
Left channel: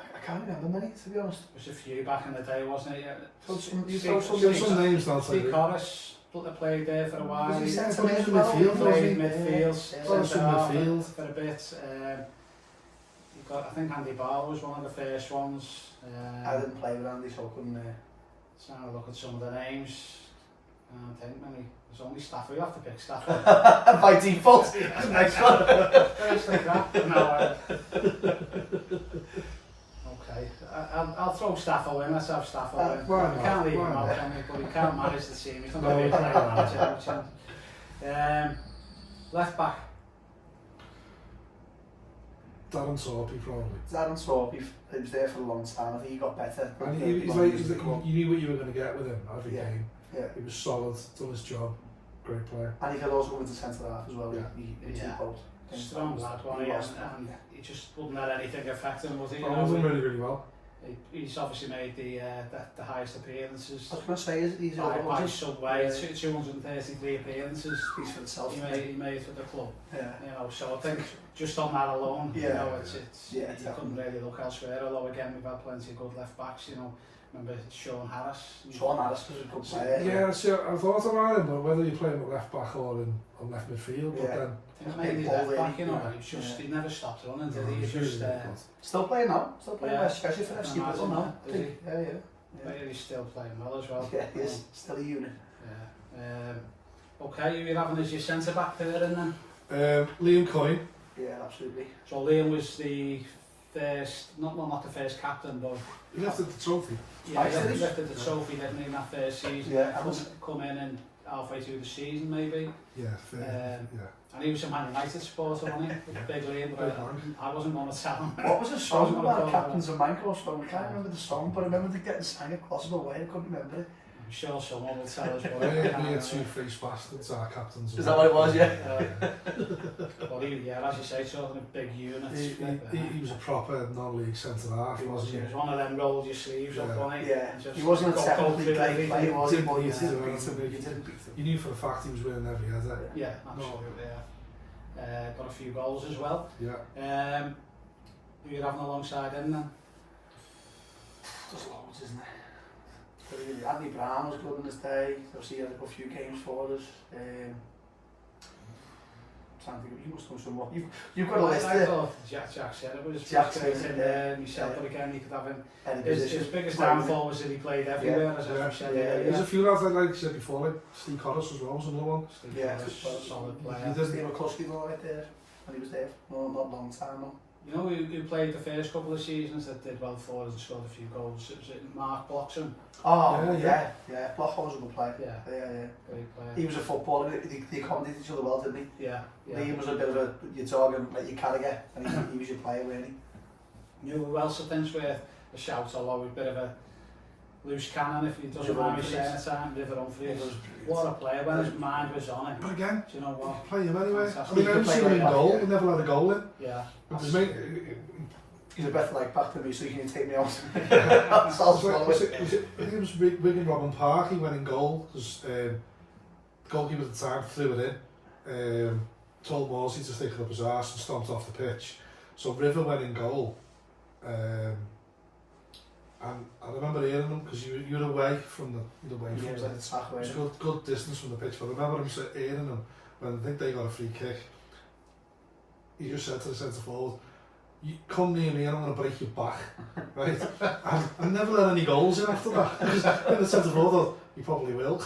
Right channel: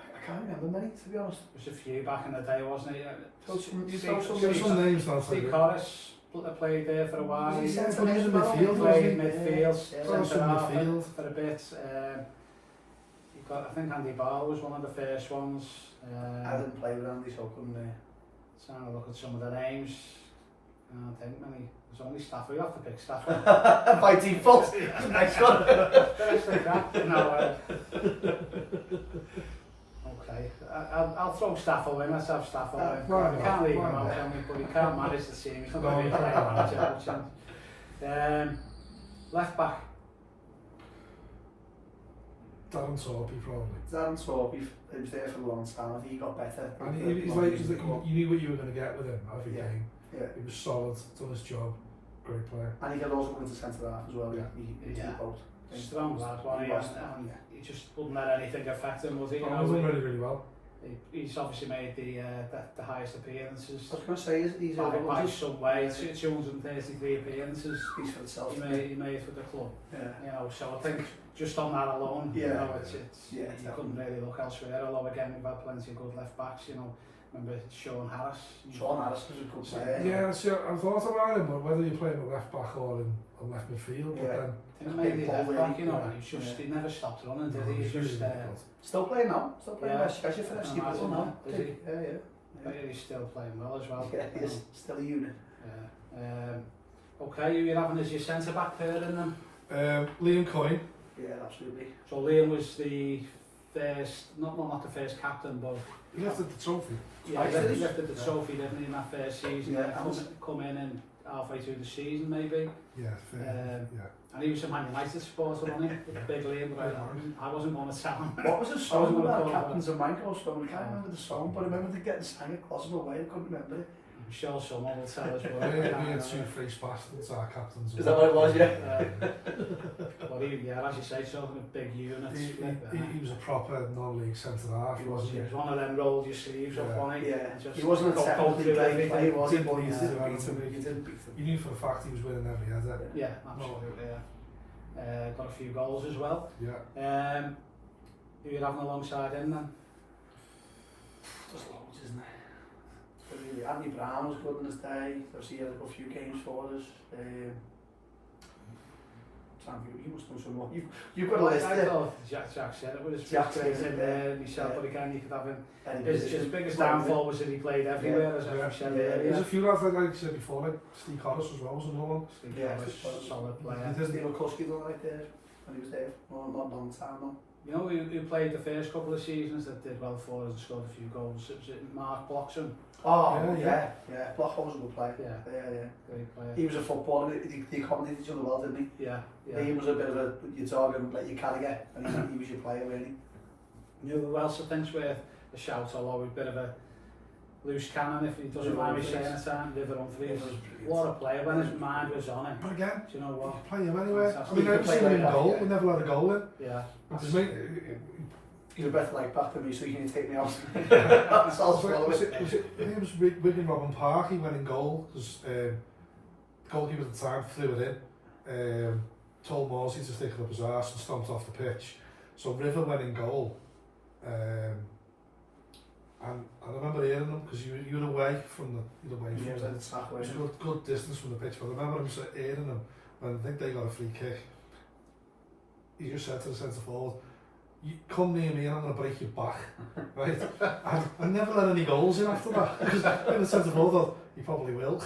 I can't remember many, to be honest. There was a few back in the day, wasn't it? You throw some names down to Steve Corris played there for a while. Was he centre played in midfield, played in midfield, midfield for a bit. I think Andy Barr was one of the first ones. I didn't play with Andy, so I couldn't. Trying to look at some of the names. I don't think many. There's only Stafford. You have to pick Stafford. By default. That's a nice one. First like that. No. Okay. I'll throw Stafford in. Let's have Stafford in. We can't leave him out, can we? But we can't manage the team. He's not going to be a player manager. Left back. Darren Sorby, probably. Darren Sorby, he was there for a long time. I think he got better. And he's like, you knew what you were going to get with him every game. Yeah. He was solid, done his job, great player. And he could also go into centre half as well. Yeah. He did both. Strong lad, wasn't he? And he just wouldn't let anything affect him, was he? He was doing really, really well. He's obviously made the highest appearances. I was going to say, he's by some way, 233 appearances. Speaks for itself. He made for the club. Yeah. You know, so I think just on that alone, you know, you couldn't really look elsewhere. Although again, we've had plenty of good left backs. You know, remember Sean Harris. Sean Harris was a good player. Yeah, see, I thought about him, but whether you play him at left back or in left midfield, but then. I think maybe left back, you know, he never stopped running, did he? He was just still playing now, especially for FC Liverpool now. Yeah. He's still playing well as well. Yeah, he is still a unit. Yeah. Okay, you're having as your centre back pairing then? Liam Coyne. Yeah, absolutely. So Liam was the first, not the first captain, but he lifted the trophy. Yeah, he lifted the trophy, didn't he, in that first season? Yeah, come in and halfway through the season maybe. Yeah, fair. And he was a Man United supporter, wasn't he? Big Liam, but I wasn't going to tell him. What was the song about Captains of Mango? I can't remember the song, but I remember they getting sang a plausible way. I couldn't remember it. I'm sure someone will tell us. We had 2 free bastards, our captains. Is that what it was? Yeah. Well, he yeah, as you say, sort of big units. He was a proper non-league centre-half, wasn't he? He was one of them rolled your sleeves up, wasn't he? Yeah, Just he wasn't a go technically through great everything. player, was he? But You you didn't beat him. You knew for a fact he was winning every header. Yeah, absolutely, yeah. Got a few goals as well. Yeah. Who you're having alongside him then? There's loads, isn't there? Really, Andy Brown was good in his day. Obviously, he had a few games for us. You must know some more. You've got a list I there. thought Jack Stirrup was Jack great Mason, in myself, but again, you could have him. Any His position. biggest downfall was that he played everywhere, as Yeah. I said Yeah. earlier. There's a few lads, like I said before, like Steve Corris as well was another one. Steve Yeah, was Steve a Corris. solid player. He did. Steve Kluski done right there when he was there. No, not a long time though. You know who played the first couple of seasons that did well for us and scored a few goals? It was Mark Bloxham. Oh, Yeah. Blochholm was a good player. Yeah, Yeah. great player. He was a footballer. They accommodated each other well, didn't Yeah, he? He was a bit of a your dog and let you carry it, and he was your player really. You know who else I think's worth a shout, although he's a bit of a loose cannon if he doesn't River mind me Humphreys. saying it, time. River Humphreys. He was brilliant. What a player, when his mind was on it. But again, Do you know what? you play him anyway. I Fantastic. mean, I He haven't could seen him in play goal. right We never had a goal in. Yeah. It was He's a better like back than me, so you can take me out. was it, I think it was Wigan Robin Park. He went in goal because the goalkeeper at the time threw it in. Told Morsey to stick it up his arse and stomped off the pitch. So River went in goal. And I remember hearing him because you were away from the He was like the sack away. It was a good distance from the pitch, but I remember him hearing him when I think they got a free kick. He just said to the centre forward, "You come near me and I'm going to break your back." Right? And I never had any goals in after that. Because the centre forward thought, he probably will.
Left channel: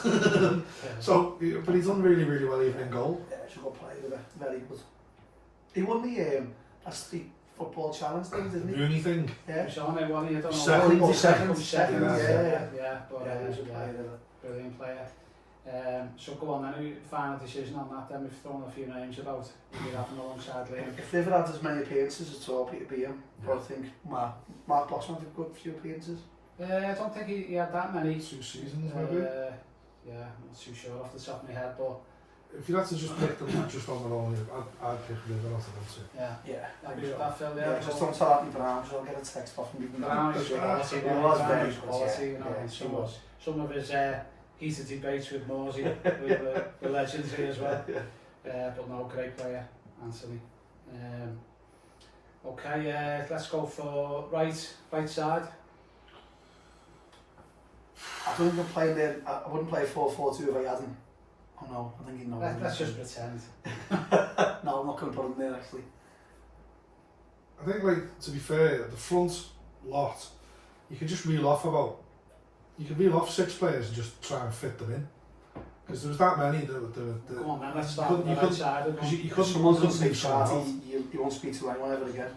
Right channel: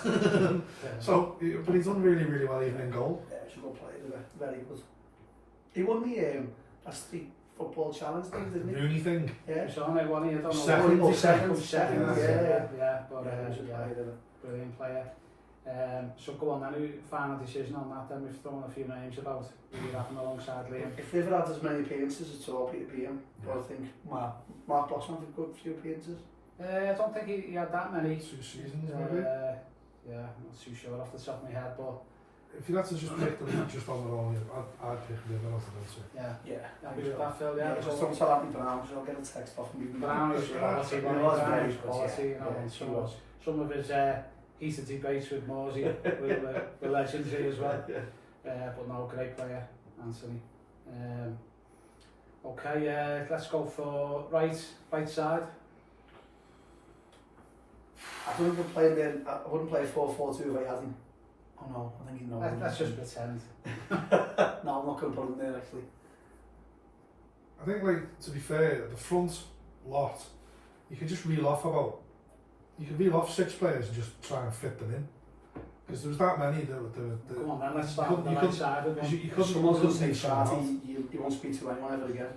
So, but he's done really, really well even in goal. Yeah, he's a good player, very good. He won the street football challenge thing, didn't he? Rooney thing. Yeah. He was on it, wasn't he? I don't know. Second. What- Second. Second. Yeah. But Yeah, he was a yeah, player. brilliant player. So go on then, final decision on that then. We've thrown a few names about who you're having alongside Liam. If they've had as many appearances as all Peter beat him, Yeah. I think Mark Bloxham had a good few appearances. I don't think he had that many. 2 seasons maybe. Yeah, I'm not too sure off the top of my head, but If you had to just pick them just on their own, I'd pick River off the two. yeah. Yeah. Agree with that, Phil, Yeah, just don't tell Andy Brown because I'll get a text off him. Brown is quality, He was very Brown is good, quality, you know, yeah, and he was. some of his heated debates with Morsey were legends here as well. But no, great player, Anthony. Okay, let's go for right side. I wouldn't play there. I wouldn't play 4-4-2 if I hadn't. Oh no, I think he knows. Let's just pretend. No, I'm not going to put him there actually. I think, like, to be fair, the front lot, you can just reel off 6 players and just try and fit them in. Because there was that many that Come on then, let's start you with the right couldn't- side. because you couldn't Someone's going to say leave someone Charty, off. you won't speak to anyone ever again.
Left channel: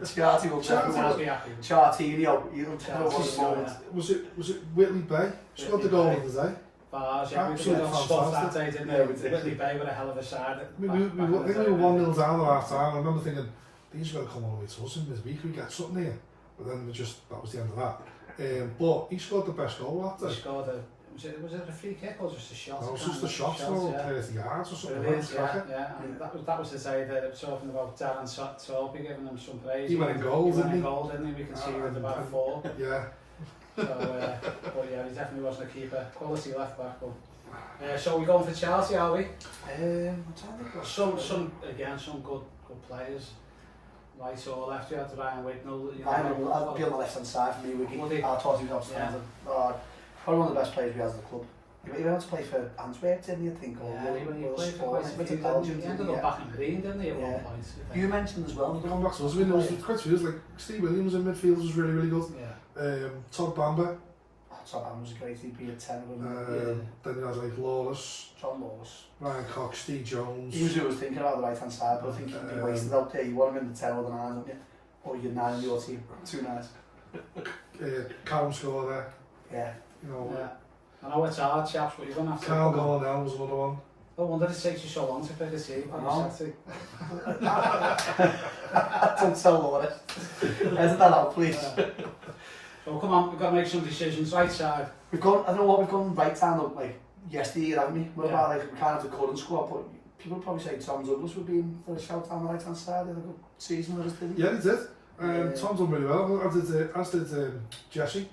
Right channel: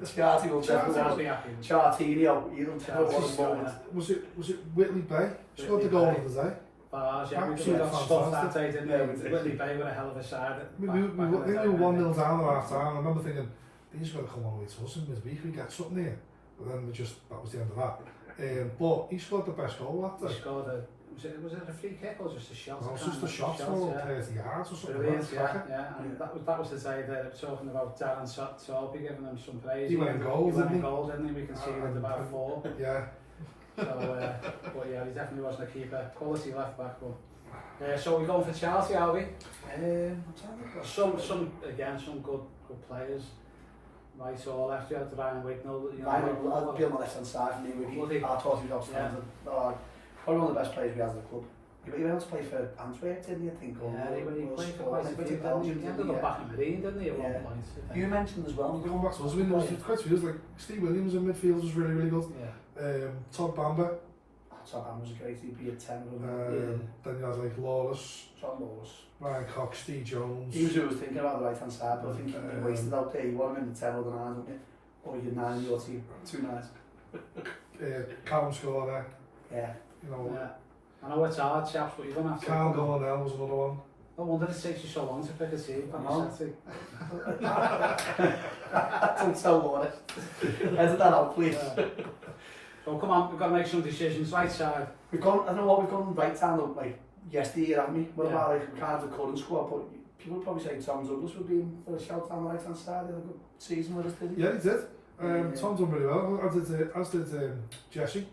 Charty will Charty definitely will be happy. Chartinho, you'll tell Charty's what the moment. Was it Whitley Bay? Scored the goal Bay. of the day. Bars, yeah, we Absolutely got stuff that fantastic. day, didn't Yeah, we? we did. Whitley Bay with a hell of a side. I think we were 1-0 down at half time. I remember thinking, these are going to come all the way to us in this week. We get something here. But then that was the end of that. But he scored the best goal that He day. scored was it a free kick or just a shot? No, it was just a shot for 30 yards or something. Brilliant, like that. yeah. And that was the day that I was talking about Darren Torpy giving him some praise. He went in goal, He went in didn't he? goal, didn't he? We can see with about 4. Yeah. So, but yeah, he definitely wasn't a keeper. Quality left back, but. So we're going for Chelsea, are we? I'm trying to think what- Some good players. Right or left, you had Ryan Wignall. You know, I'd be on the left hand side for me. Would he? I thought he was outstanding. Probably one of the best players we had as a club. He went to play for Antwerp, didn't he? I think. He played for quite a Sporting, few, Belgium, he ended up back in Marine, didn't he, at one point? I think. You mentioned as well. Going back to us, there was quite a few. Like Steve Williams in midfield was really, really good. Yeah. Todd Bamber. Tom Ham was great. He'd be a 10 of them. Then you had like Lawless, John Lawless. Ryan Cox, Steve Jones. He was who was thinking about the right hand side, but I think you wasted out there. You want him in the 10 or the 9, don't you? Or you're 9 in your team. 2 9s. Callum scored there. Yeah. You know, Yeah. I know it's hard, chaps, but you're going to have to... Carl Gollanell was another one. I wonder it takes you so long to pick a team. Don't tell Lawrence. Edit that out, please. So come on, we've got to make some decisions. Right side. We've gone, I don't know what we've gone right down like yesterday, haven't we? What Yeah. about like we kind of the current squad, but people probably say Tom Douglas would be in for a shout down the right hand side in a good season with us, didn't he? Yeah, he did. Tom done really well, as did Jesse.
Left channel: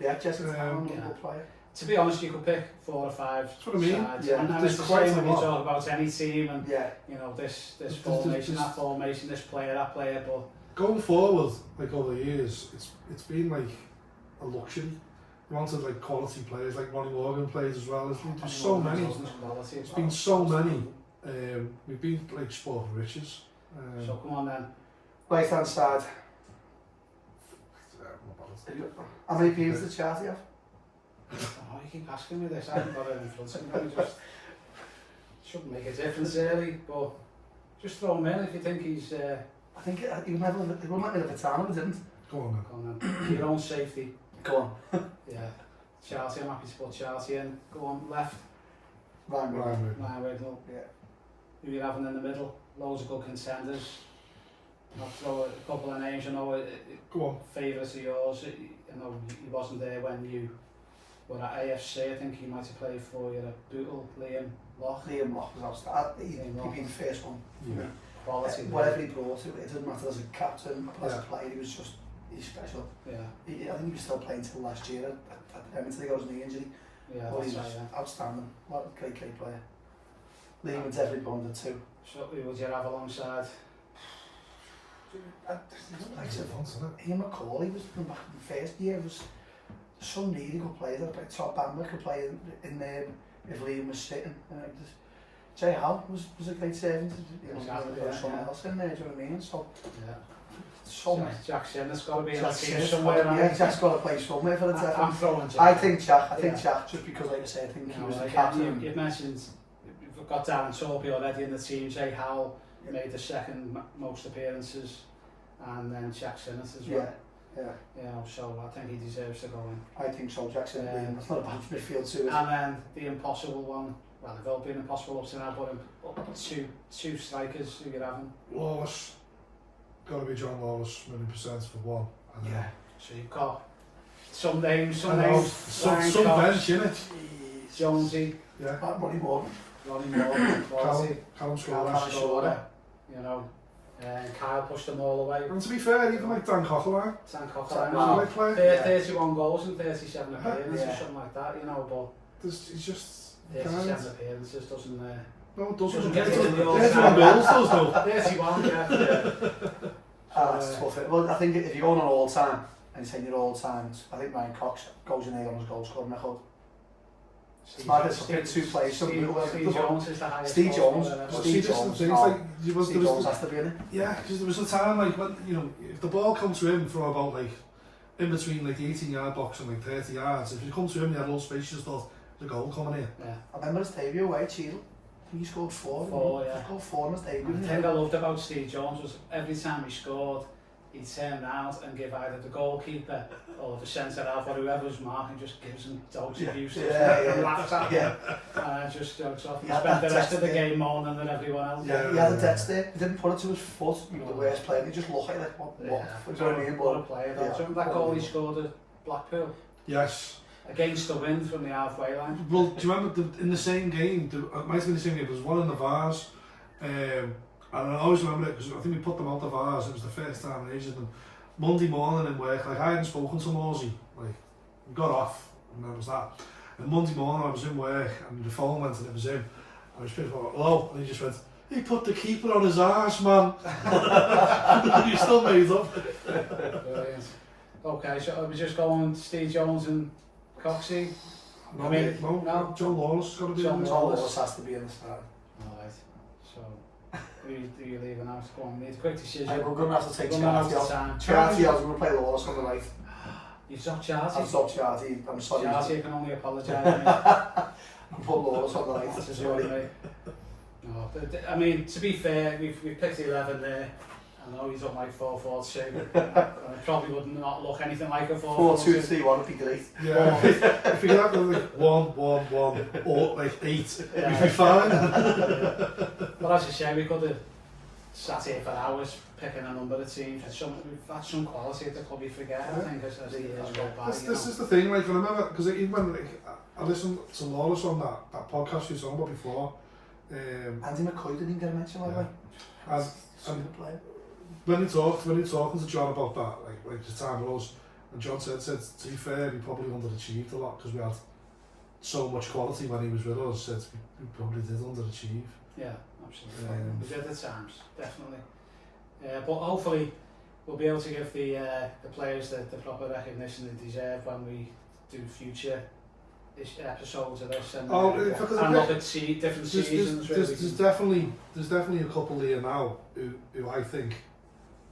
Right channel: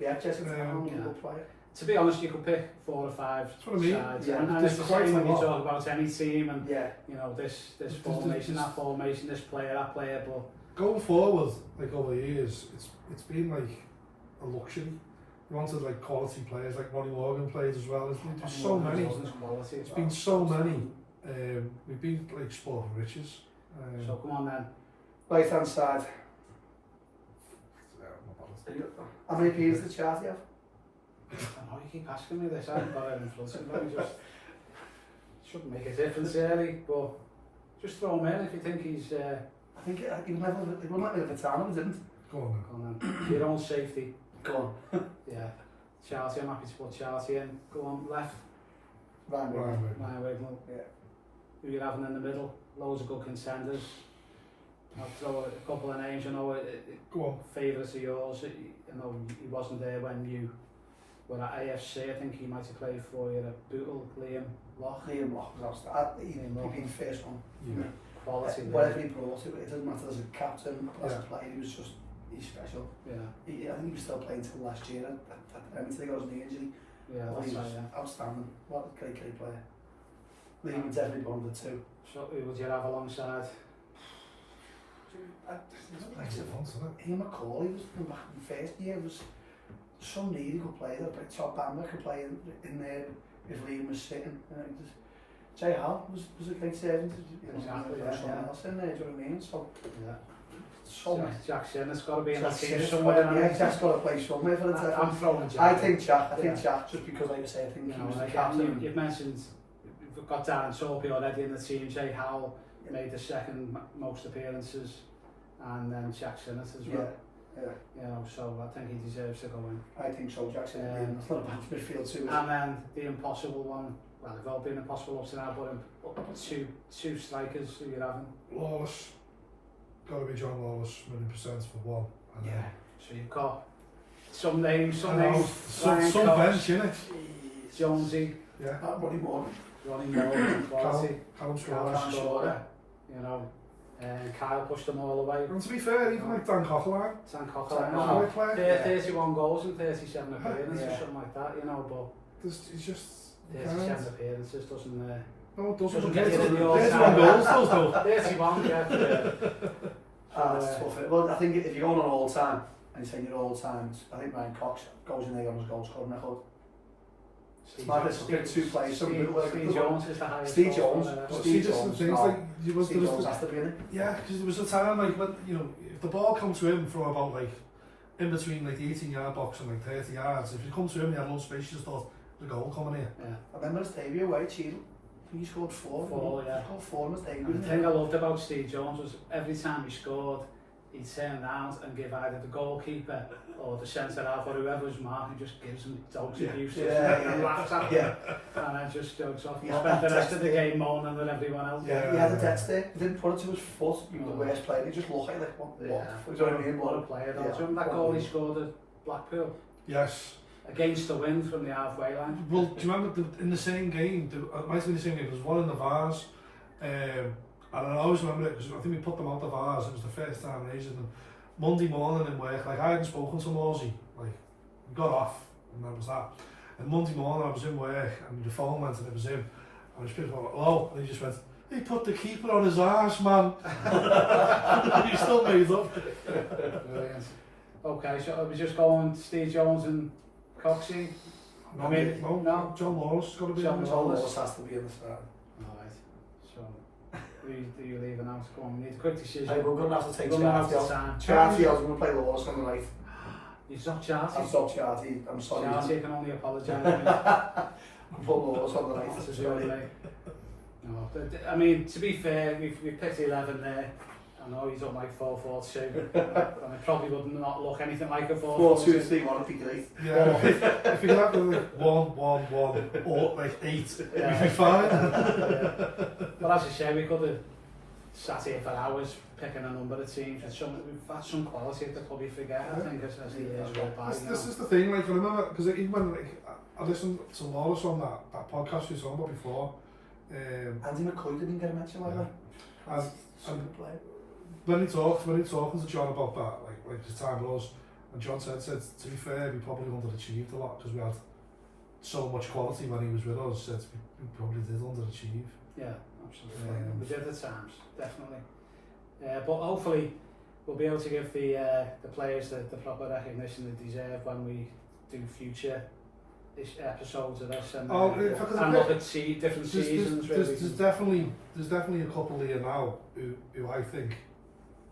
Yeah, Jesse was a good player. To be honest, you could pick 4 or 5 That's what I mean. sides, Yeah. and it's the Quite same a when you lot. talk about any team, and Yeah. you know this There's formation, that formation, this player, that player. But Going forward, like over the years, it's been like a luxury. You wanted like quality players, like Ronnie Morgan plays as well. There's been so many. It's been so many. We've been like sport for riches. So come on then. Right hand side. How many appeals did Charlie have? Oh, you keep asking me this. I haven't got it in front of me. Just shouldn't make a difference really, but just throw him in if you think he's. I think he would never. They wouldn't let me have a time, he didn't. Go on then. Come on then. Your own safety. Go on. Yeah. Chelsea, I'm happy to put Chelsea in. Go on, left. Ryan Wiggins. Ryan Wiggins. Yeah. Who you having in the middle? Loads of good contenders. I'll throw a couple of names. You know, Go on. favourites of yours. You know, he wasn't there when you were at AFC. I think he might have played for you at Bootle. Liam Loch. Liam Loch was outstanding. He'd been the first one. Yeah. Quality. Whatever he brought to it, it doesn't matter as a captain, as a Yeah. player, he was just, he's special. Yeah. I think he was still playing till last year at Everton. He got his knee injury. Yeah. But That's he was right, yeah. outstanding. What a great player. Liam would definitely put under 2. So who would you have alongside? Ian McCauley was back in the first year. There's some really good players. Like Todd Bamber could play in there if Liam was sitting. Jay Hall was a great servant. Exactly, There was yeah, someone yeah. else in there, do you know what I mean? So, Yeah. so many. Jack Shannon's got to be in that Jack team Shannon's somewhere. got- Yeah, Jack's got to play somewhere for the I'm Devon. throwing Jack. I think Jack, Yeah. just because, like I say, I think he No, was the like, captain. you've mentioned, we've got Darren Torpy already in the team. Jay Howell made the second most appearances, and then Jack Sinnott as well. Yeah. You know, so I think he deserves to go in. I think so, Jackson and Liam. That's not a bad midfield too, is it? And then the impossible one. Well, they've all been impossible up to now, but two strikers who you're having. Lawless. Got to be John Lawless, 100% for one. And Yeah. So you've got some names, I know, some bench, innit? Jeez. Jonesy, Yeah. Ronnie Morgan. Ronnie Morgan, quality, Callum Callum Scores. Scorer, you know, and Kyle pushed them all away. And to be fair, even like Dan Coquelin, Sam he's Cochran, a great player. 31 goals and 37 appearances, Yeah. something like that, you know, but He's just... he 37 can't. appearances doesn't... No, it doesn't. Doesn't get to the goals. 31 goals does no. 31, yeah. That's tough. Well, I think if you're going on all time, and you're saying you're all times, I think Ryan Cox goes in there on his goal scoring record. It's mad to pick 2 players. Some people like Steve Jones is the highest. Steve goal Jones. scorer ever. Well, Steve see, this is Jones, the thing, it's oh. like, there Steve was Jones the, has to be in it. yeah, because there was a time like when, you know, if the ball comes to him from about like, in between like the 18-yard box and like 30 yards, if you come to him, you had no space, you just thought, there's a goal coming here. Yeah. I remember his debut away, Cheadle. He scored 4. 4, yeah. He scored 4 in his debut. And the thing I loved about Steve Jones was every time he scored, he'd turn around and give either the goalkeeper or the centre half or whoever was marking, just gives him dog's abuse. And laughs at him. And I just jokes off. He Yeah, spent the rest of the that's game moaning with everyone else. Yeah, he had a dead stare. He didn't put it to his foot. He was the worst player. He just looked like what? You know what I mean? What a But player. yeah. Do you remember that goal he scored at Blackpool? Yes. Against the wind from the halfway line. Well, do you remember in the same game, it might have been the same game, there was one in the Vars, and I always remember it because I think we put them out the Vars, it was the first time in ages, and Monday morning in work, like I hadn't spoken to Morsey, like we got off, and that was that. And Monday morning I was in work, and the phone went and it was him, and I was like, hello, and he just went, he put the keeper on his arse, man. And he still made up. Brilliant. Okay, so are we just going Steve Jones and Coxey? No, I mean, no, John Lawless has got to be John on Lawless. Lawless has to be in the side. Alright, so who do you leave out? Go on, need a quick decision. Hey, we're going to have to take We're gonna have Charlie to off. time. Charlie, I was going to play Lawless on the right. You've stopped Charlie. I'll stop Charlie. I'm sorry. Charlie can only apologise. I'll put Lawless on the right. That's a joy, mate. No, but, I mean, to be fair, we've picked the 11 there. I know he's up like 4-4-2, and it probably would not look anything like a 4-2-3-1 would be great. Yeah, if we could have like 1-1-1 or like 8, Yeah. we'd be fine. Yeah. But as you say, we could have sat here for hours picking a number of teams. We've had some quality at the club you forget, I think, as the years go by. This is the thing, like I remember, because even when like, I listened to Lawless on that podcast we were talking about before, Andy McCoy didn't get a mention, by the way. And Super player. when he talking to John about that, like the time was, and John said to be fair, he probably underachieved a lot because we had so much quality when he was with us. Said we probably did underachieve. Yeah, absolutely. We did at times, definitely. But hopefully we'll be able to give the players the proper recognition they deserve when we do future episodes of this and look at different seasons. There's definitely a couple here now who I think.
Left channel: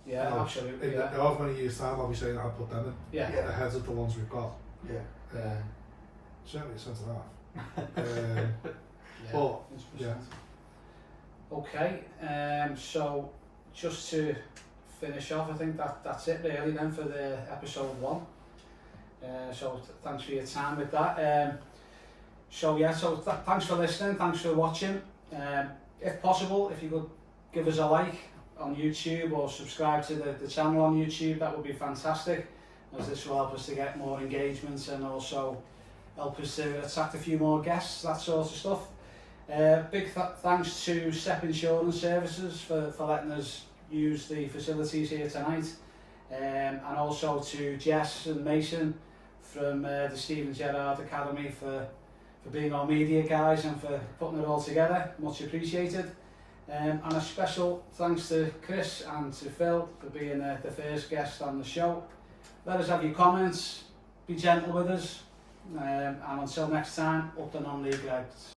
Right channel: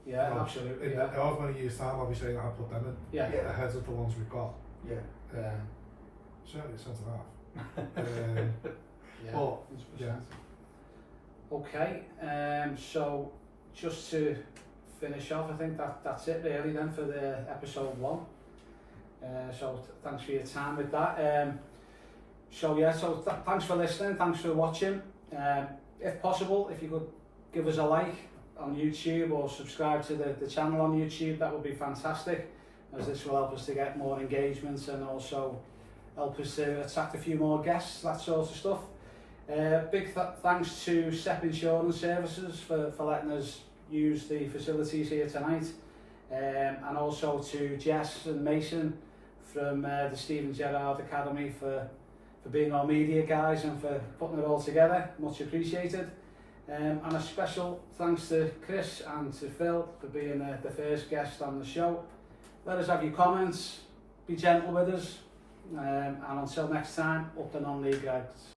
Yeah, you know, absolutely. In however many years' time, I'll be saying I'll put them in ahead of the ones we've got. Yeah. Certainly a sense of that. Yeah. But yeah. Okay. So just to finish off, I think that's it really then for the episode 1. So thanks for your time with that. Thanks for listening, thanks for watching. If possible, if you could give us a like on YouTube or subscribe to the channel on YouTube, that would be fantastic, as this will help us to get more engagement and also help us to attract a few more guests, that sort of stuff. Big thanks to Step Insurance Services for letting us use the facilities here tonight, and also to Jess and Mason from the Steven Gerrard Academy for being our media guys and for putting it all together. Much appreciated. And a special thanks to Chris and to Phil for being the first guest on the show. Let us have your comments, be gentle with us, and until next time, up the non-league out.